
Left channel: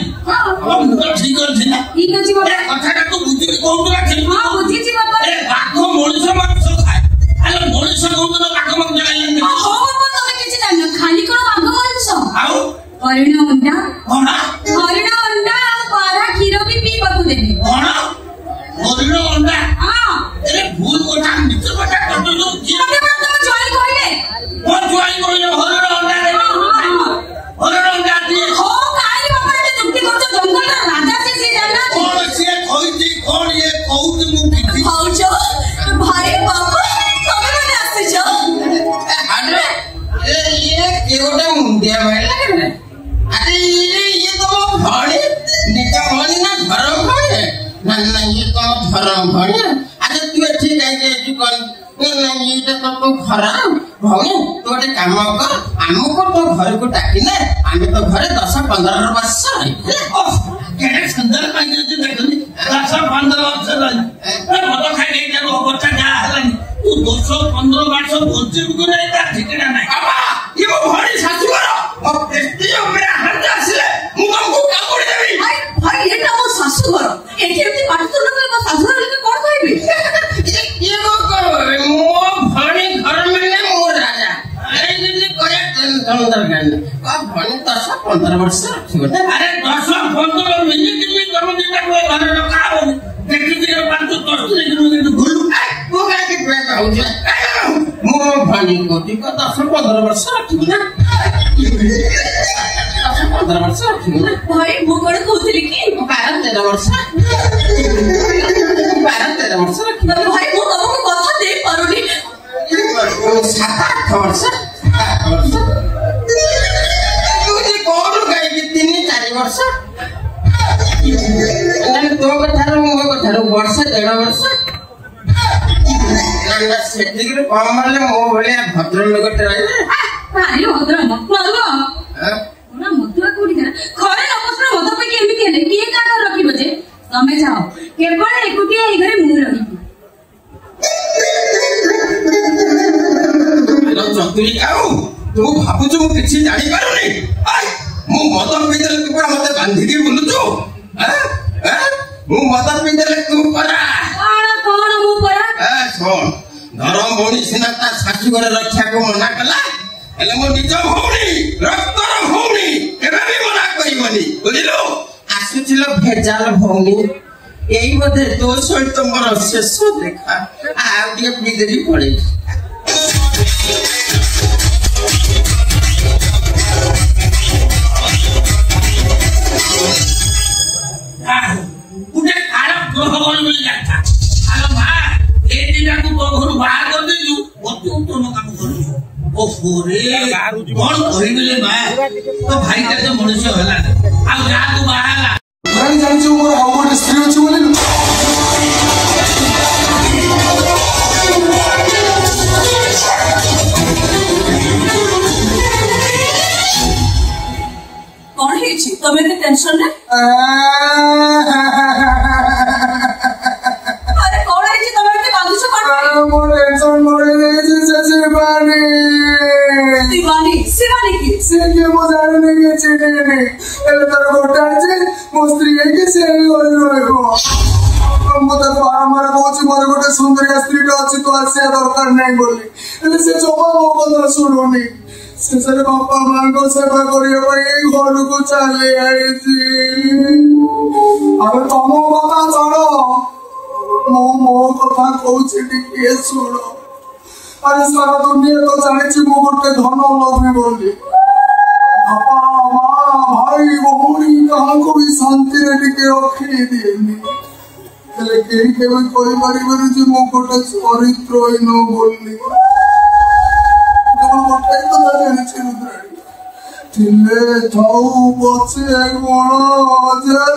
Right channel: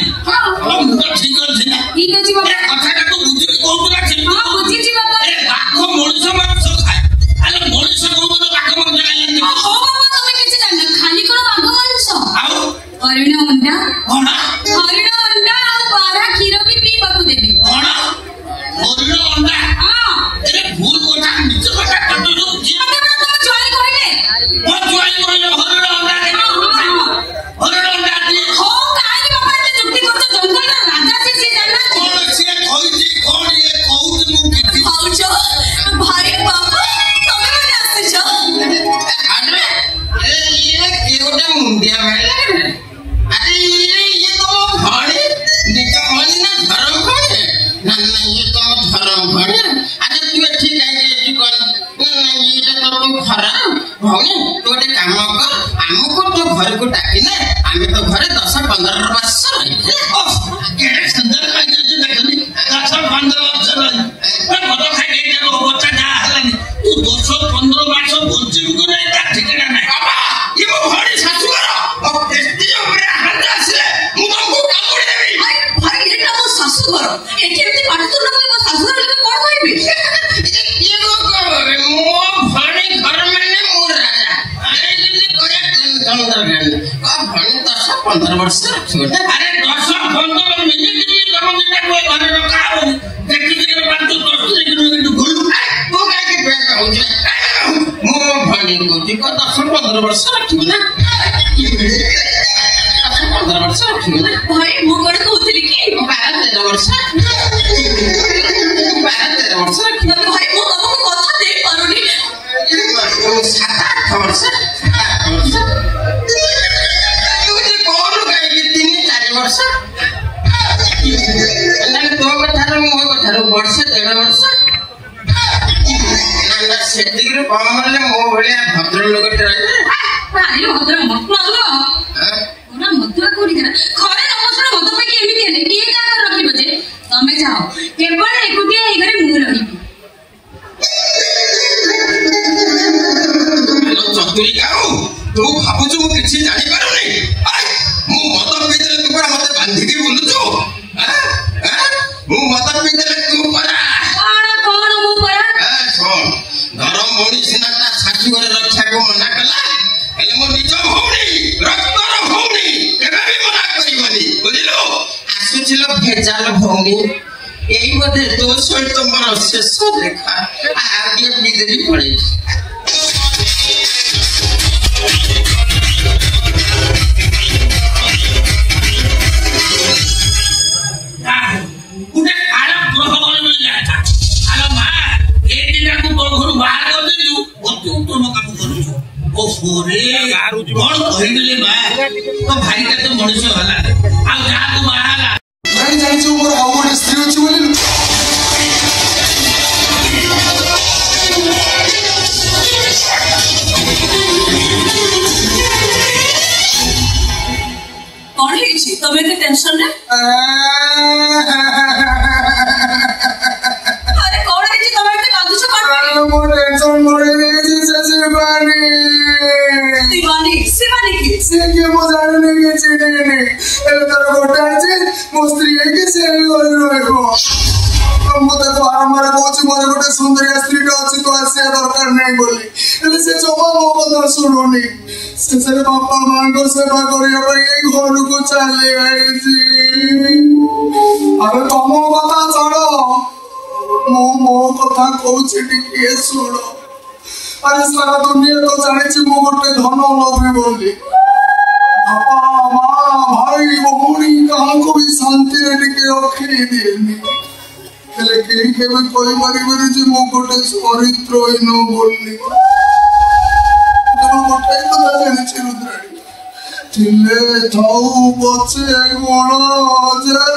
हम तो ठीक अछि ना ई कछि बाबा कथाटा तो बुझि कोउला छी हां बुझि छी बाबा ए बाघ मनुष्य मांस खाए अरे मनुष्य को तो बाघ मांस खाइले हो बाबा तमे किछि जान खाली कोन बाघ मांस आउ हरिण अंडा कोन हरिण अंडा पारा खीर भी पी बाबू देबे कोन हरिण अंडा हां अरे भूल कोठा नीचे कोठा कतो जो तमे जोई कहले ओ जोई कहले हरिण अंडा हरिण अंडा दी हो काई बाबा ने जुक्ति करतो जंगल राजा से जाना कोन से खोइती कोन ये कहूत मु किति खाउछो भाई बाबा तमे माने आसे छ अरे ये केवटा मुंडिया भाई अरे ये तो भणी निका भणी ना धर्म भणी ना ये तो धर्म भणी अरे तू ठीक है कि कोन ना ये तो तू खराब भणी तू एक काम कर हमको तो घर को डाकी ना हमें तो घर 10-15 वर्ष केड़े सुंदर लागे तू देखनी 10-15 वर्ष रही मैं मत खाई नहीं जानो बच्चा जा हलानी तू 215 वर्ष बंचे को नहीं ता ठिकाना नहीं बाबा ये मो भणी सासु घर अब एस्टी हमरे हाथ आसीले मु तुमको कामुड़ी देबी भाई एटा मो सासु घर एठी एती पाटी तो न मो सासु घर लेके कोन कहबे ये को मो भणी घर में मोर राजा अरे जल्दी करे अंदर गन अब भणी 10-15 वर्ष छोटे अरे 10-15 मिनिट में तुम जेटा कोई घर रखा हो देखि के बात तो देखि के गुल्लू तू काय के क्या कहू जे मो भणी को 10-15 वर्ष रखी ना 10-15 वर्ष रखी ना भाई मु कोन कहतली कि भारत 13 वर्ष 12-13 वर्ष भाई मु तुमको कथा दे पारुनी 7-8 वर्ष तुझे कौन कहे 3-4 वर्ष तो कथार मो कथार वर्ष 1.5 वर्ष सेतिकरे कम माने मो भलिया भद्र लोकटे रहे भारी भद्र मत मारो ना मधुआ कोडी करा खरे अवसर मत पे केमिति हेले के का रखिबो जे तमे जाओ केवल एकुटिया ए घरे मु रहिबी चतुरी काऊ तू भाबुछु मु किछि जानि पारो नै मु मत पितले तू पर मते बांधी के बुलुछु मु मत पितले तू परा कोन मु परा सुन धर्म भौणी सिना ता शाशु घर रक्षा को मना कला हेले मो निज भौणी रक्तर भौणी केबे भी मना करिवनी बुझिलो आसुछिलो भेजाल भौणी एई बदे तो सहित मोर शेष देखा आ के बिदरी पड़े उठे काला ग्रह गण में जाता आलो मां ए दिना को तो घर बाहर कर देलु ओ तू तो न काम करू ओ फोरे कोन कहिबले मां तो भाई का तो मनुष्य होला आ जा को बाहर भाई जानि जो मोर अमर स्त्री अछि बोली कौन है छी तबे के टेंशन है अरे कौन है छी तबे के बांधुछ कोन मो टेंशन मोरे जे शिवानी की से के मो जाने के छे ने एले तर गोटा छे मो स्त्री के से होई रहो मो तो बारंबार कहूची मोर गोटे सुंदर स्त्री का अछि तो आसे दरकार नहीं बोली एले से जमा मो बंद सुनोनी से बापा मां को सेवा करियो भाई घर को चले आई जी अरे तुम कथा छाड़ो मो कथा कहूची टिके सुनो अरे सारा दुनिया तो जानी मो गोटे धन लभे बोली बापा मां भाई भौणी कहा को भी शांति रे टिके रखी दिएनी हेले केही केबे कोई परिवार जे मो गोटे चरित्र होई न बोली तो गोटे तो जानी छी रुद्राणी थिले थाउ बचे गोळो जरा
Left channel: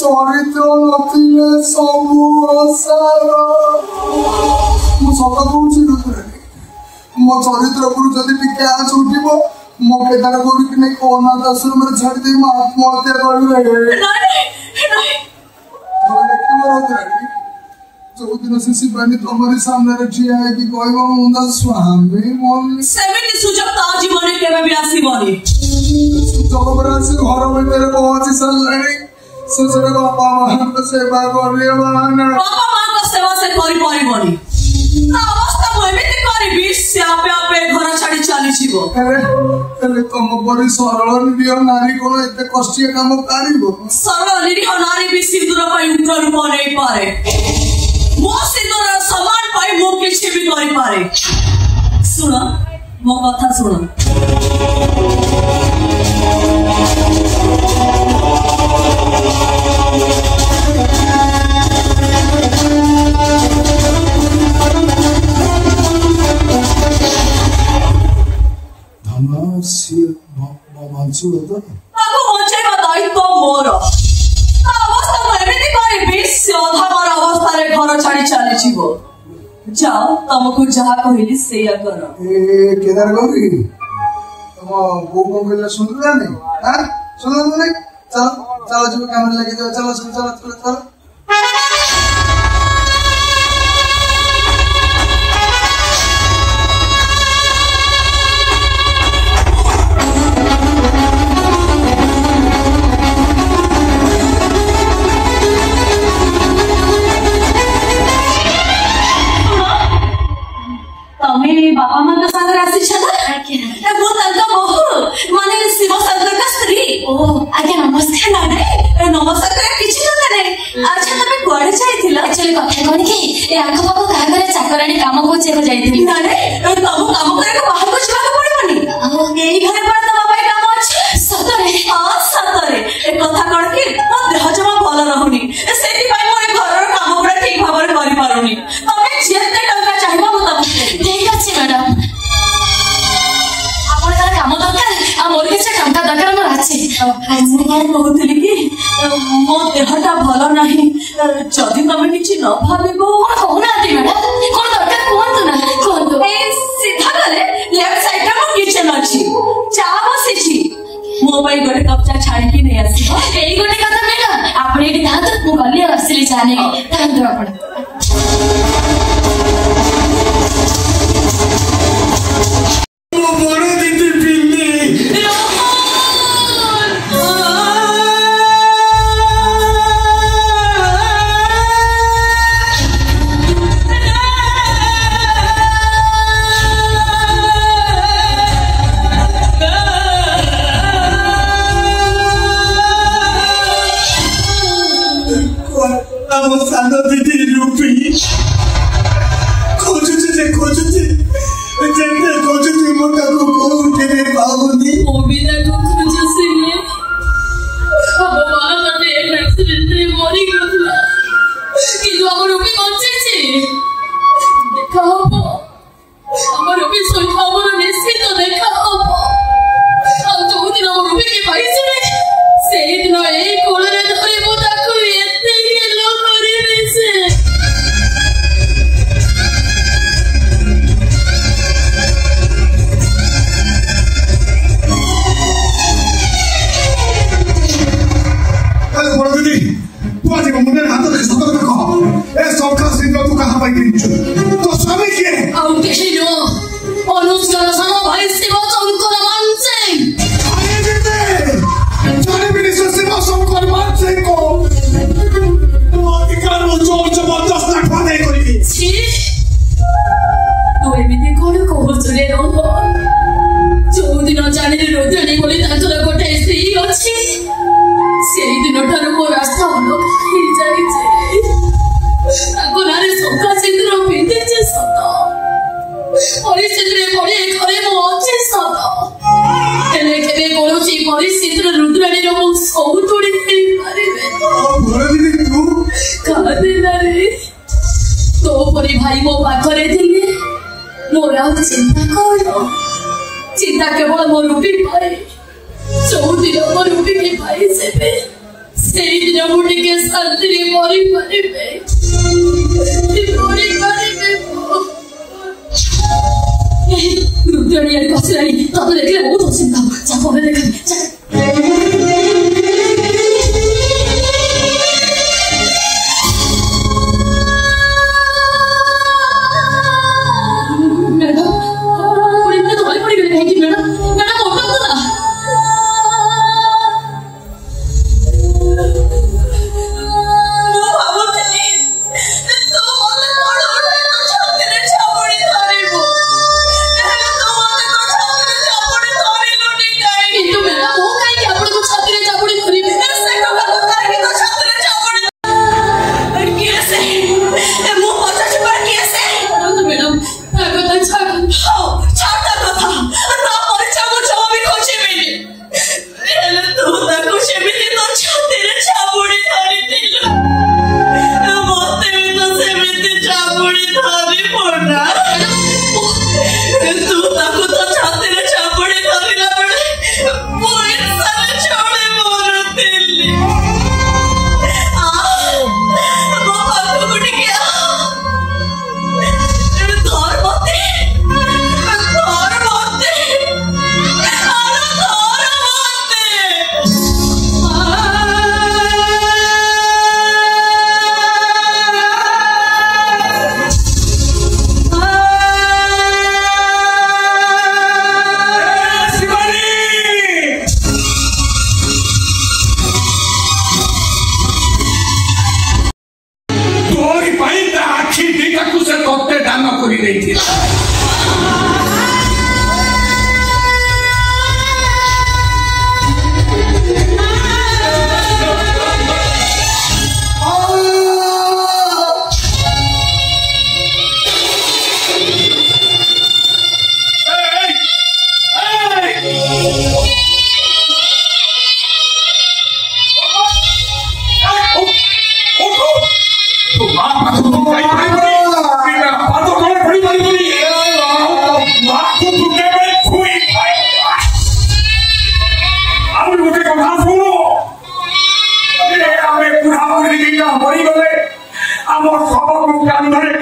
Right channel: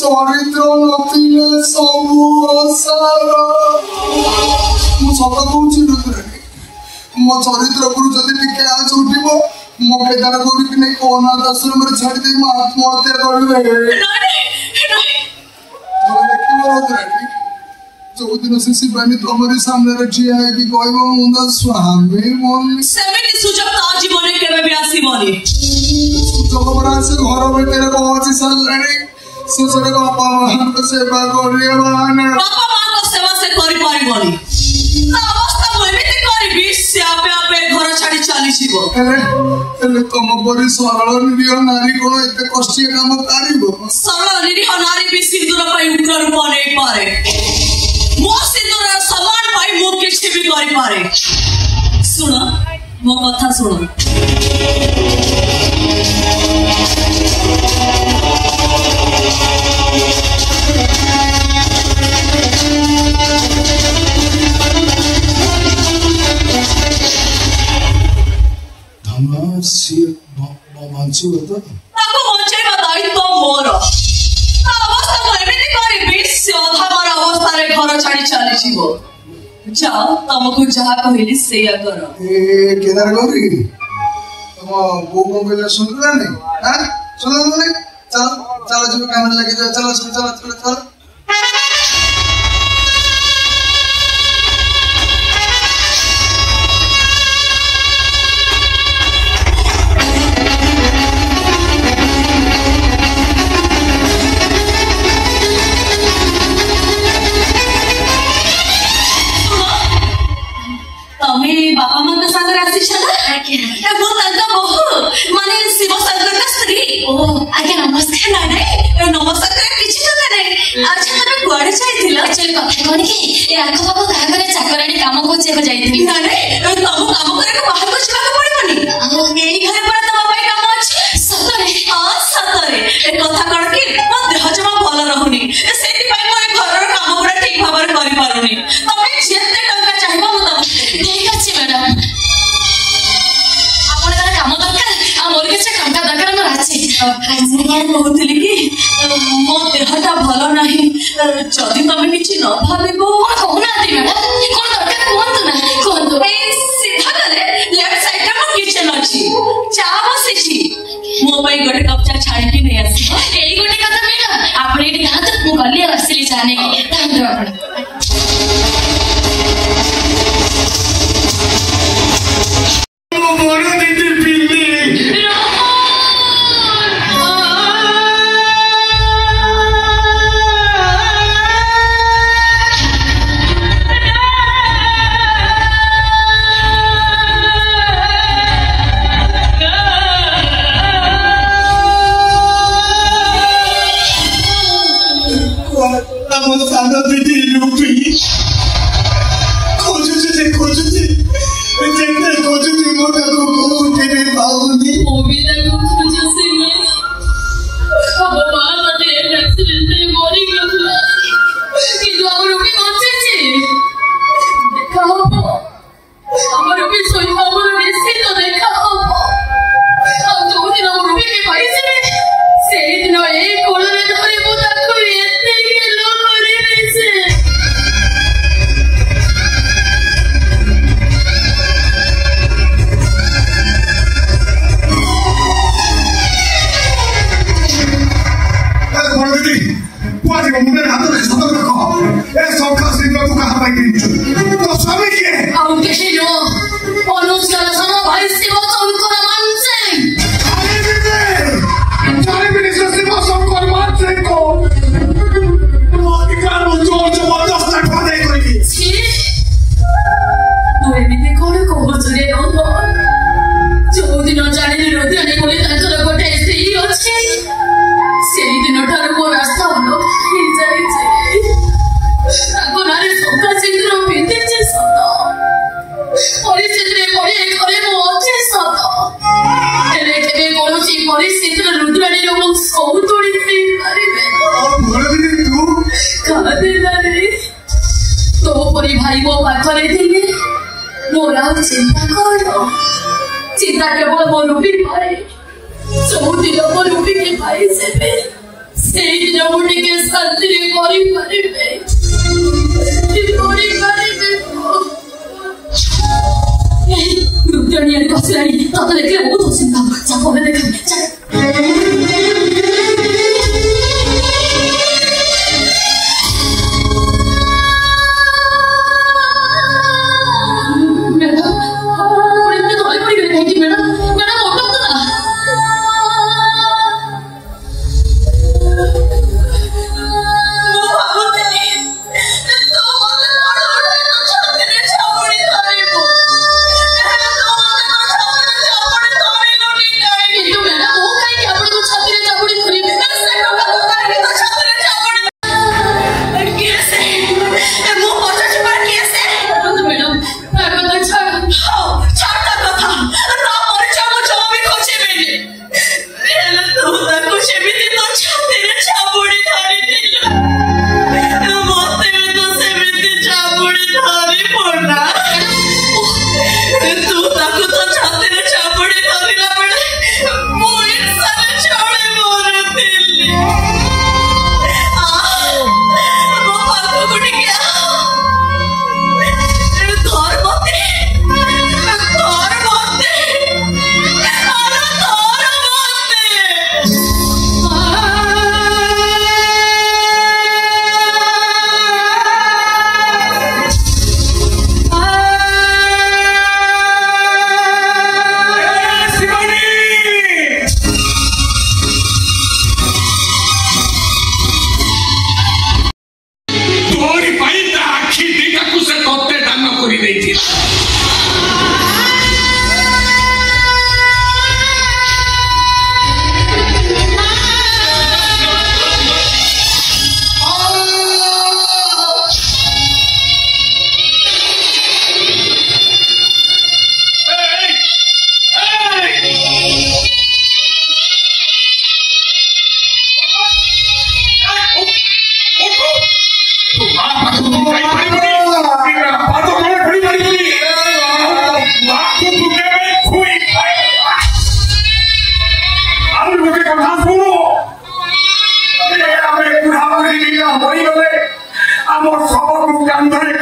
चरित्र नथिले सबु असार मु सत कहूची रुद्राणी मो चरित्र पर जदि टिके आज उठिबो मो केदार गौरी कि नहीं अनाथ आश्रम में छाड़ दे मो आत्महत्या करबे जो दिन से शिवानी तुम्हारे सामने रखी है कि कोई वो मुंडा स्वामी बोल सेमिति सुजब ता जीवन केबे भी आसीबनी सुजब से घर में तेरे पहुंची सल्लानी सुसरे बापा मां को सेवा करियो बाना बापा मां को सेवा से करि परिबनी ना अवस्था एमिति करिबी से आपे आपे घर छाड़ी चली जीवो हेले तुम परी सरल निरीह नारी कोन एते कष्टिया काम करिवो सरल निरीह नारी भी सिंदूर पाई उग्र रूप नै पारे मो सिंदूर समान पाई मो किछि भी करि पारे सुनो मो कथा सुनो तुमको जहाँ कहली से करो केदार गौरी तुम वो कौन पहले सुन रहा नहीं हाँ सुन रहा नहीं चलो चलो जो काम लगे जाओ चलो चलो चलो चलो चलो बाबा मां को सागर आसी छला आके ए बो तंत बहु माने शिव सागर का स्त्री ओ आके नमस्कार नानाई ए नमस्कार किछि जता नै अच्छा तमे कुआडे जाइथिला एक्चुअली कथा कोन कि ए आखो बाबा का करे चाकरानी काम को चेक जाइथिली नानाई ए तम काम करे को बाहर को छला पड़बनी एई घरे पर त बाबा काम अछि सतरे हां सतरे ए ଦେହଟା ଭଲ ନାହିଁ ଯଦି ତମେ କିଛି ନ ଭାବିବ କହୁନାହାନ୍ତି ମ୍ୟାଡାମ କଣ ଦରକାର କୁହନ୍ତୁ ନା କୁହନ୍ତୁ ଏଇ ସିଧା ଗଲେ ଲେଫ୍ଟ ସାଇଡରେ ମୋ କିଚେନ ଅଛି ଚା ବସିଛି ମୋ ପାଇଁ ଗୋଟେ କପ୍ ଚା ଛାଣିକି ନେଇ ଆସିବ ଏଇ ଗୋଟେ କଥା ମ୍ୟାଡାମ ଆପଣ ଏଇଠି ଥାଆନ୍ତୁ ମୁଁ ଗଲି ଆଉ ଆସିଲି ଚା ନେଇକି ଥାଆନ୍ତୁ ଆପଣ चिंता केवल मो रूपी पाए जो दिन मो रूपी के पाए से दिन मुझे के शांति मरी पारे रुद्राणी कसलाई तब देखले बहुत चिंता चाप देख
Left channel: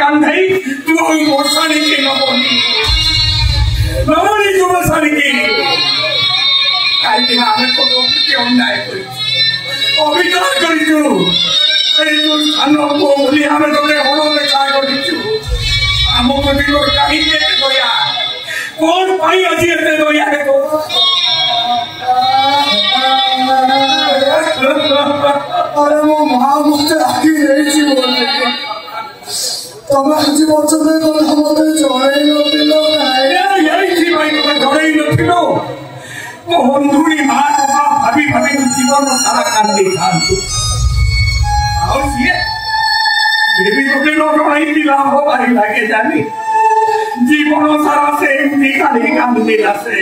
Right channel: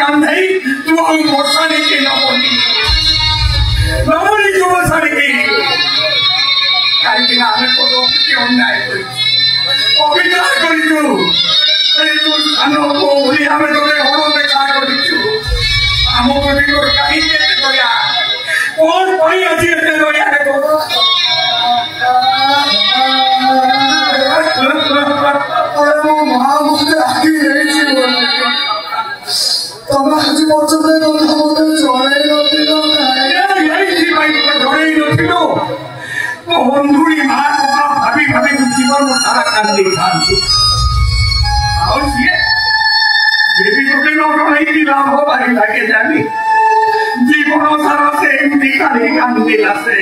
कांधाई तू मोसाने के नमोनी जो मोसाने के काहे आमे को क्यों नहीं कोई অভিনয় করিছু এই তো সানো বলি আমি তোকে হলো দেখা করিছু আমো কোটি তোর কাহি কে কইয়া কোন পাই আছে এতে দয়া রে তো আরে মো মা মুখে আকি রইছি বলে তোমরা আজি পর্যন্ত কথা মতে জড়াই নছিল এই জি ভাই তোকে জড়াই নছিল ও বন্ধুরি মা ভাবি ভাবি জীবন সারা কান্দে কান্দু और ये देवी को के लोग आई की नाम हो भाई लगे जानी जीवन सारा से देखा देखा मुझे लासे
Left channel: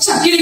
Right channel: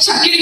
चाकरी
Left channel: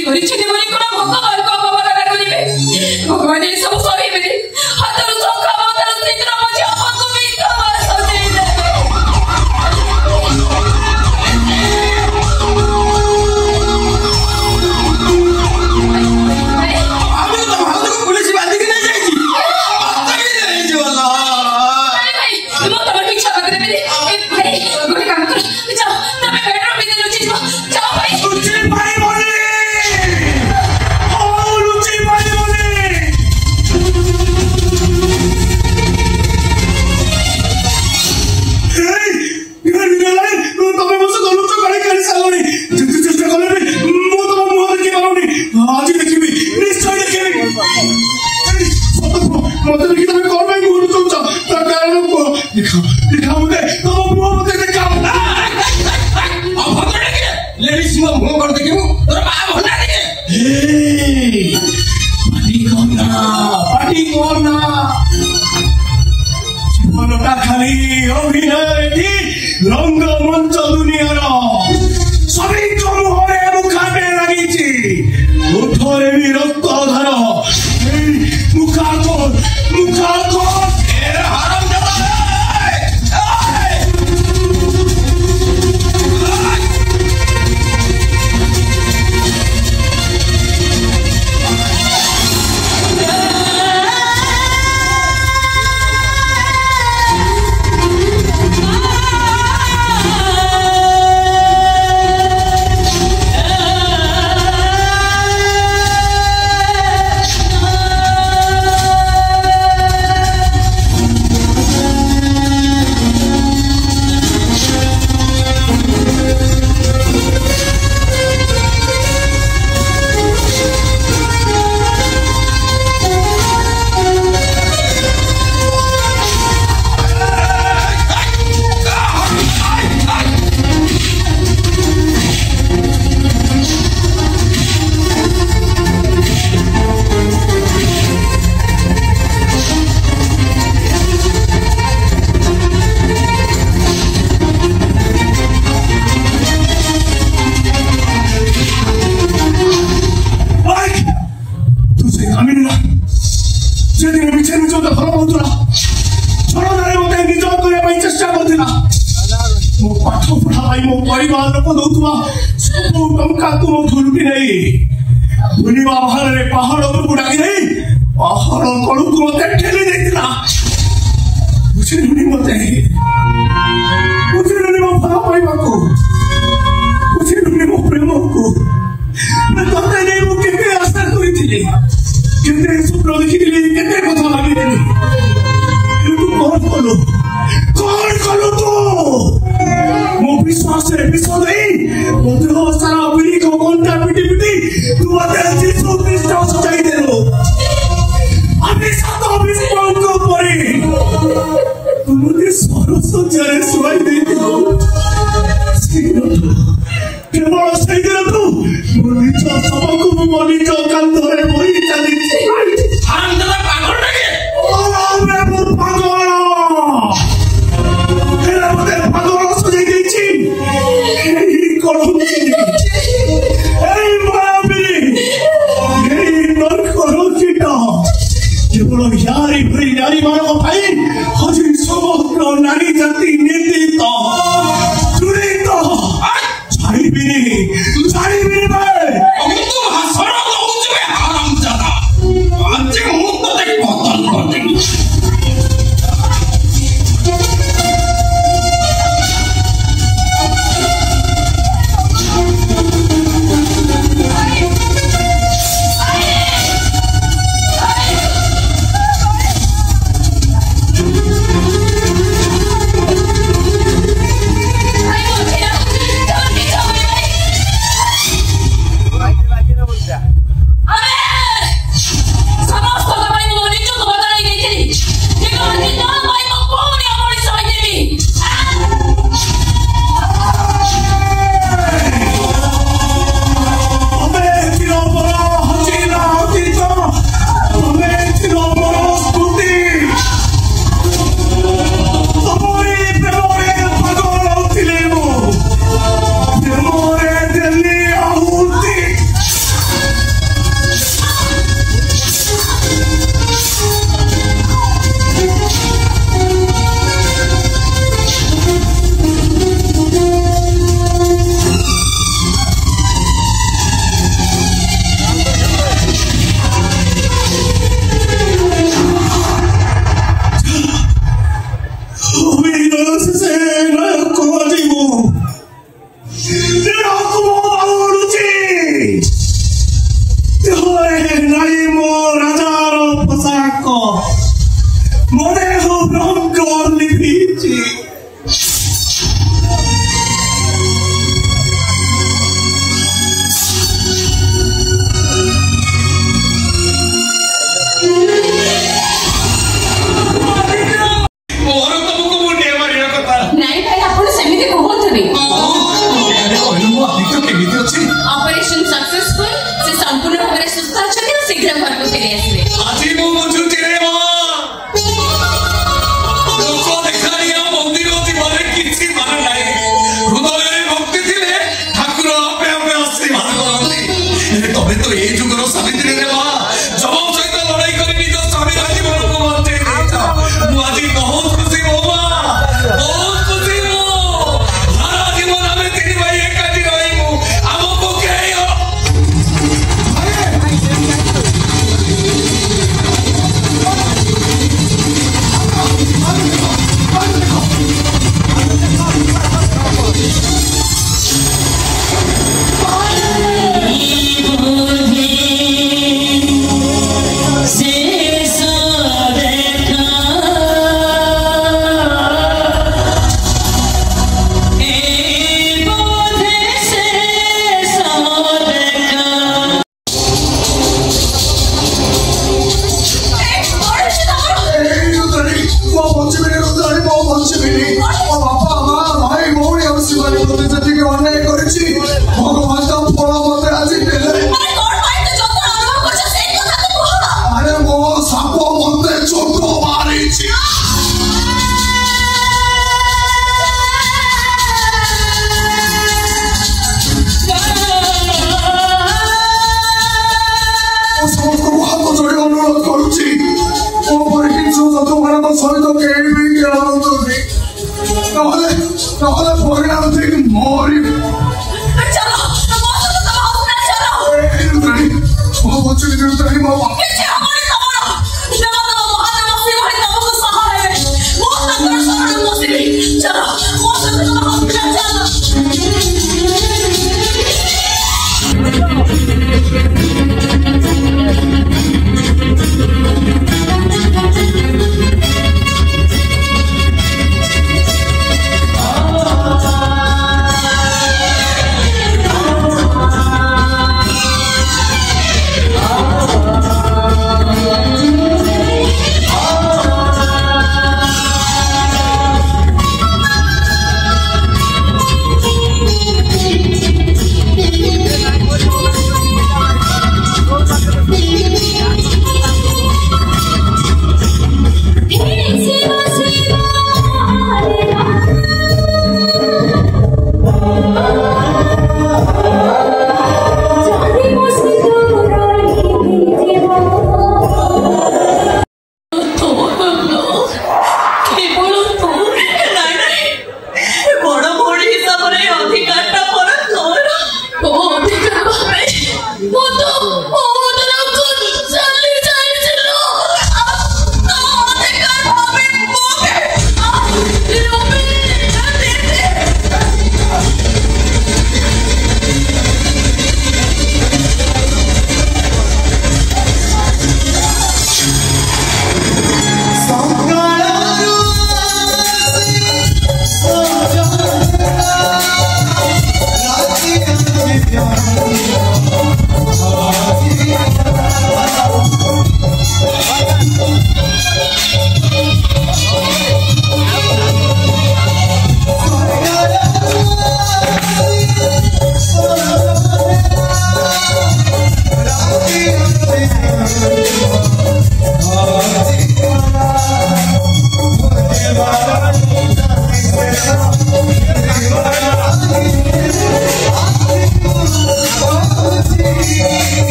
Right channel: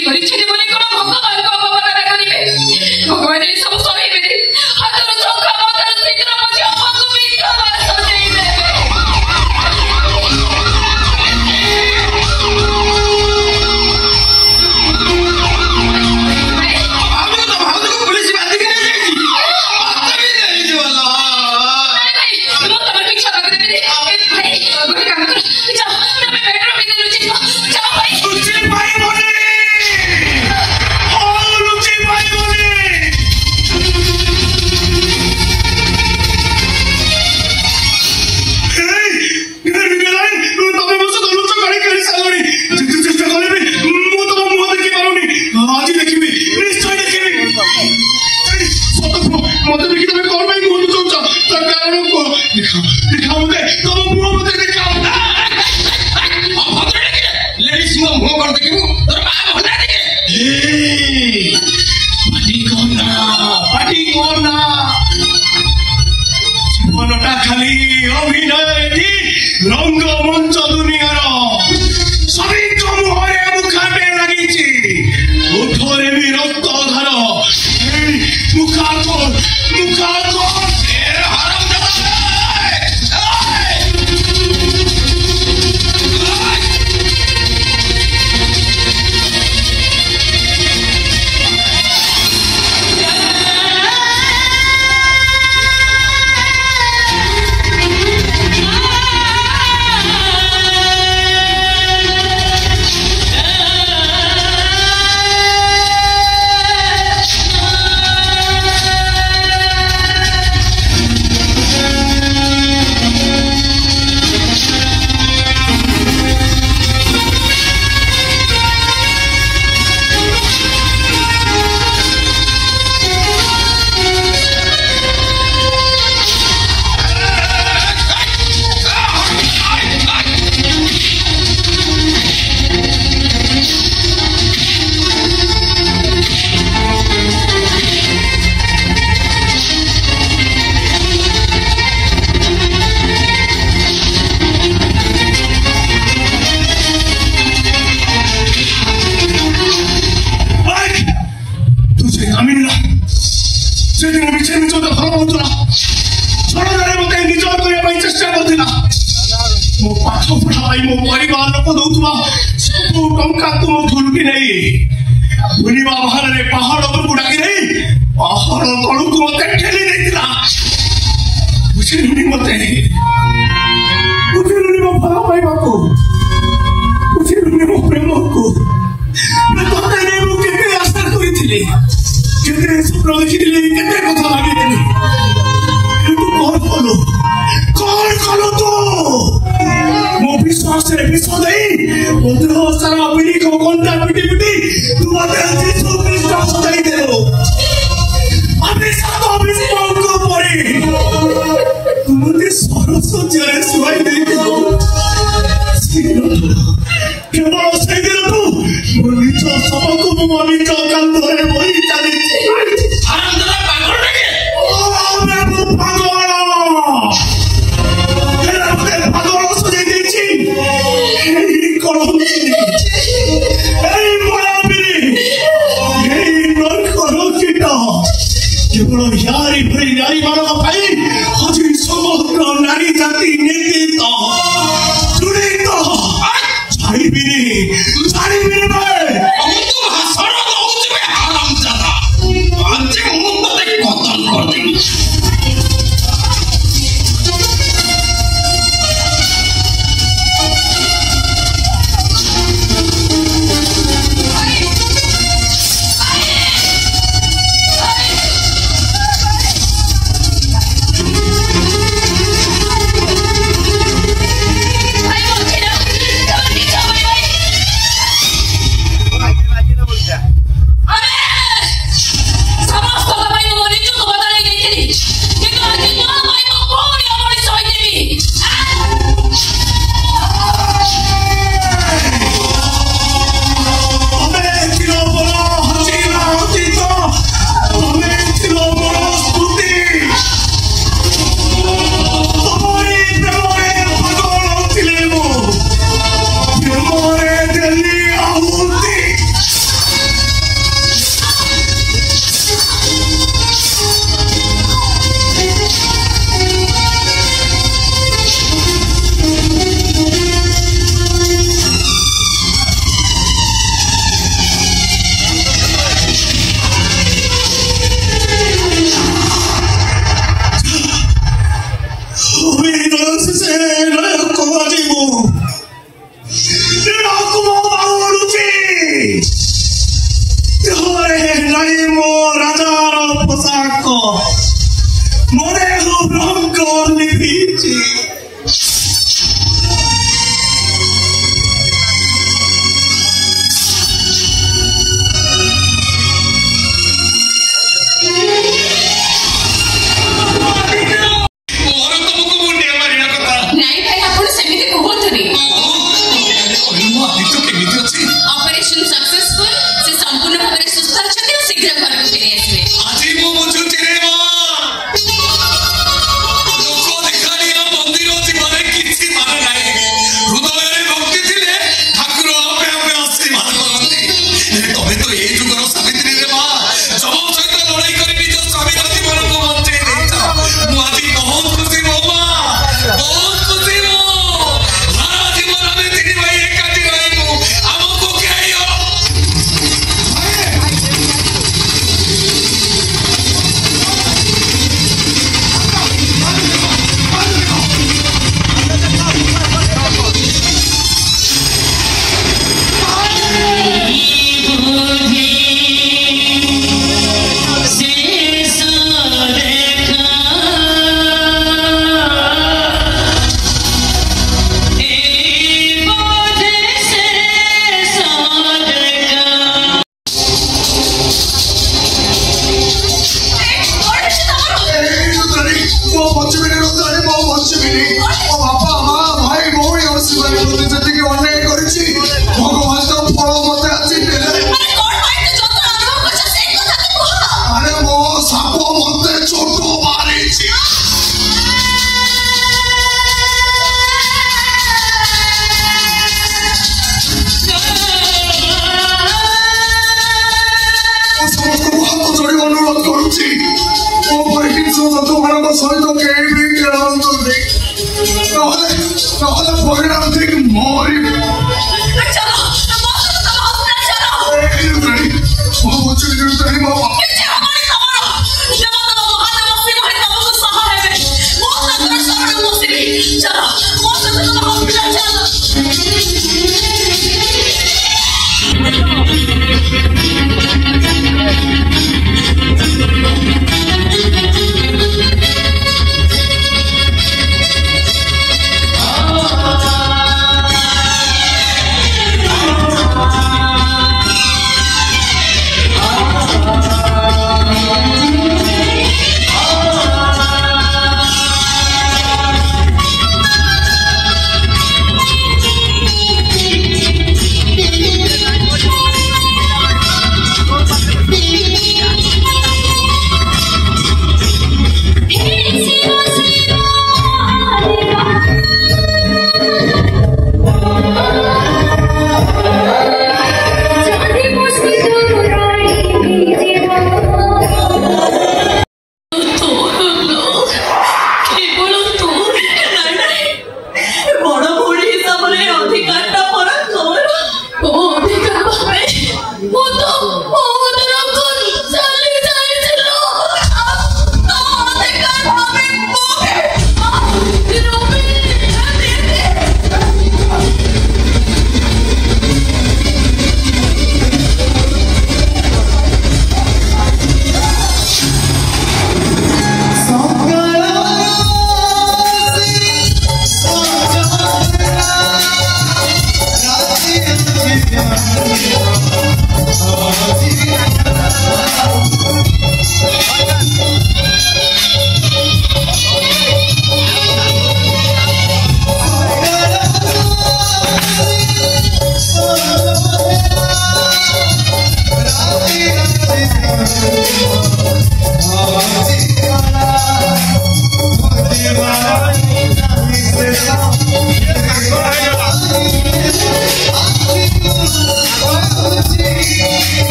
ପଛରେ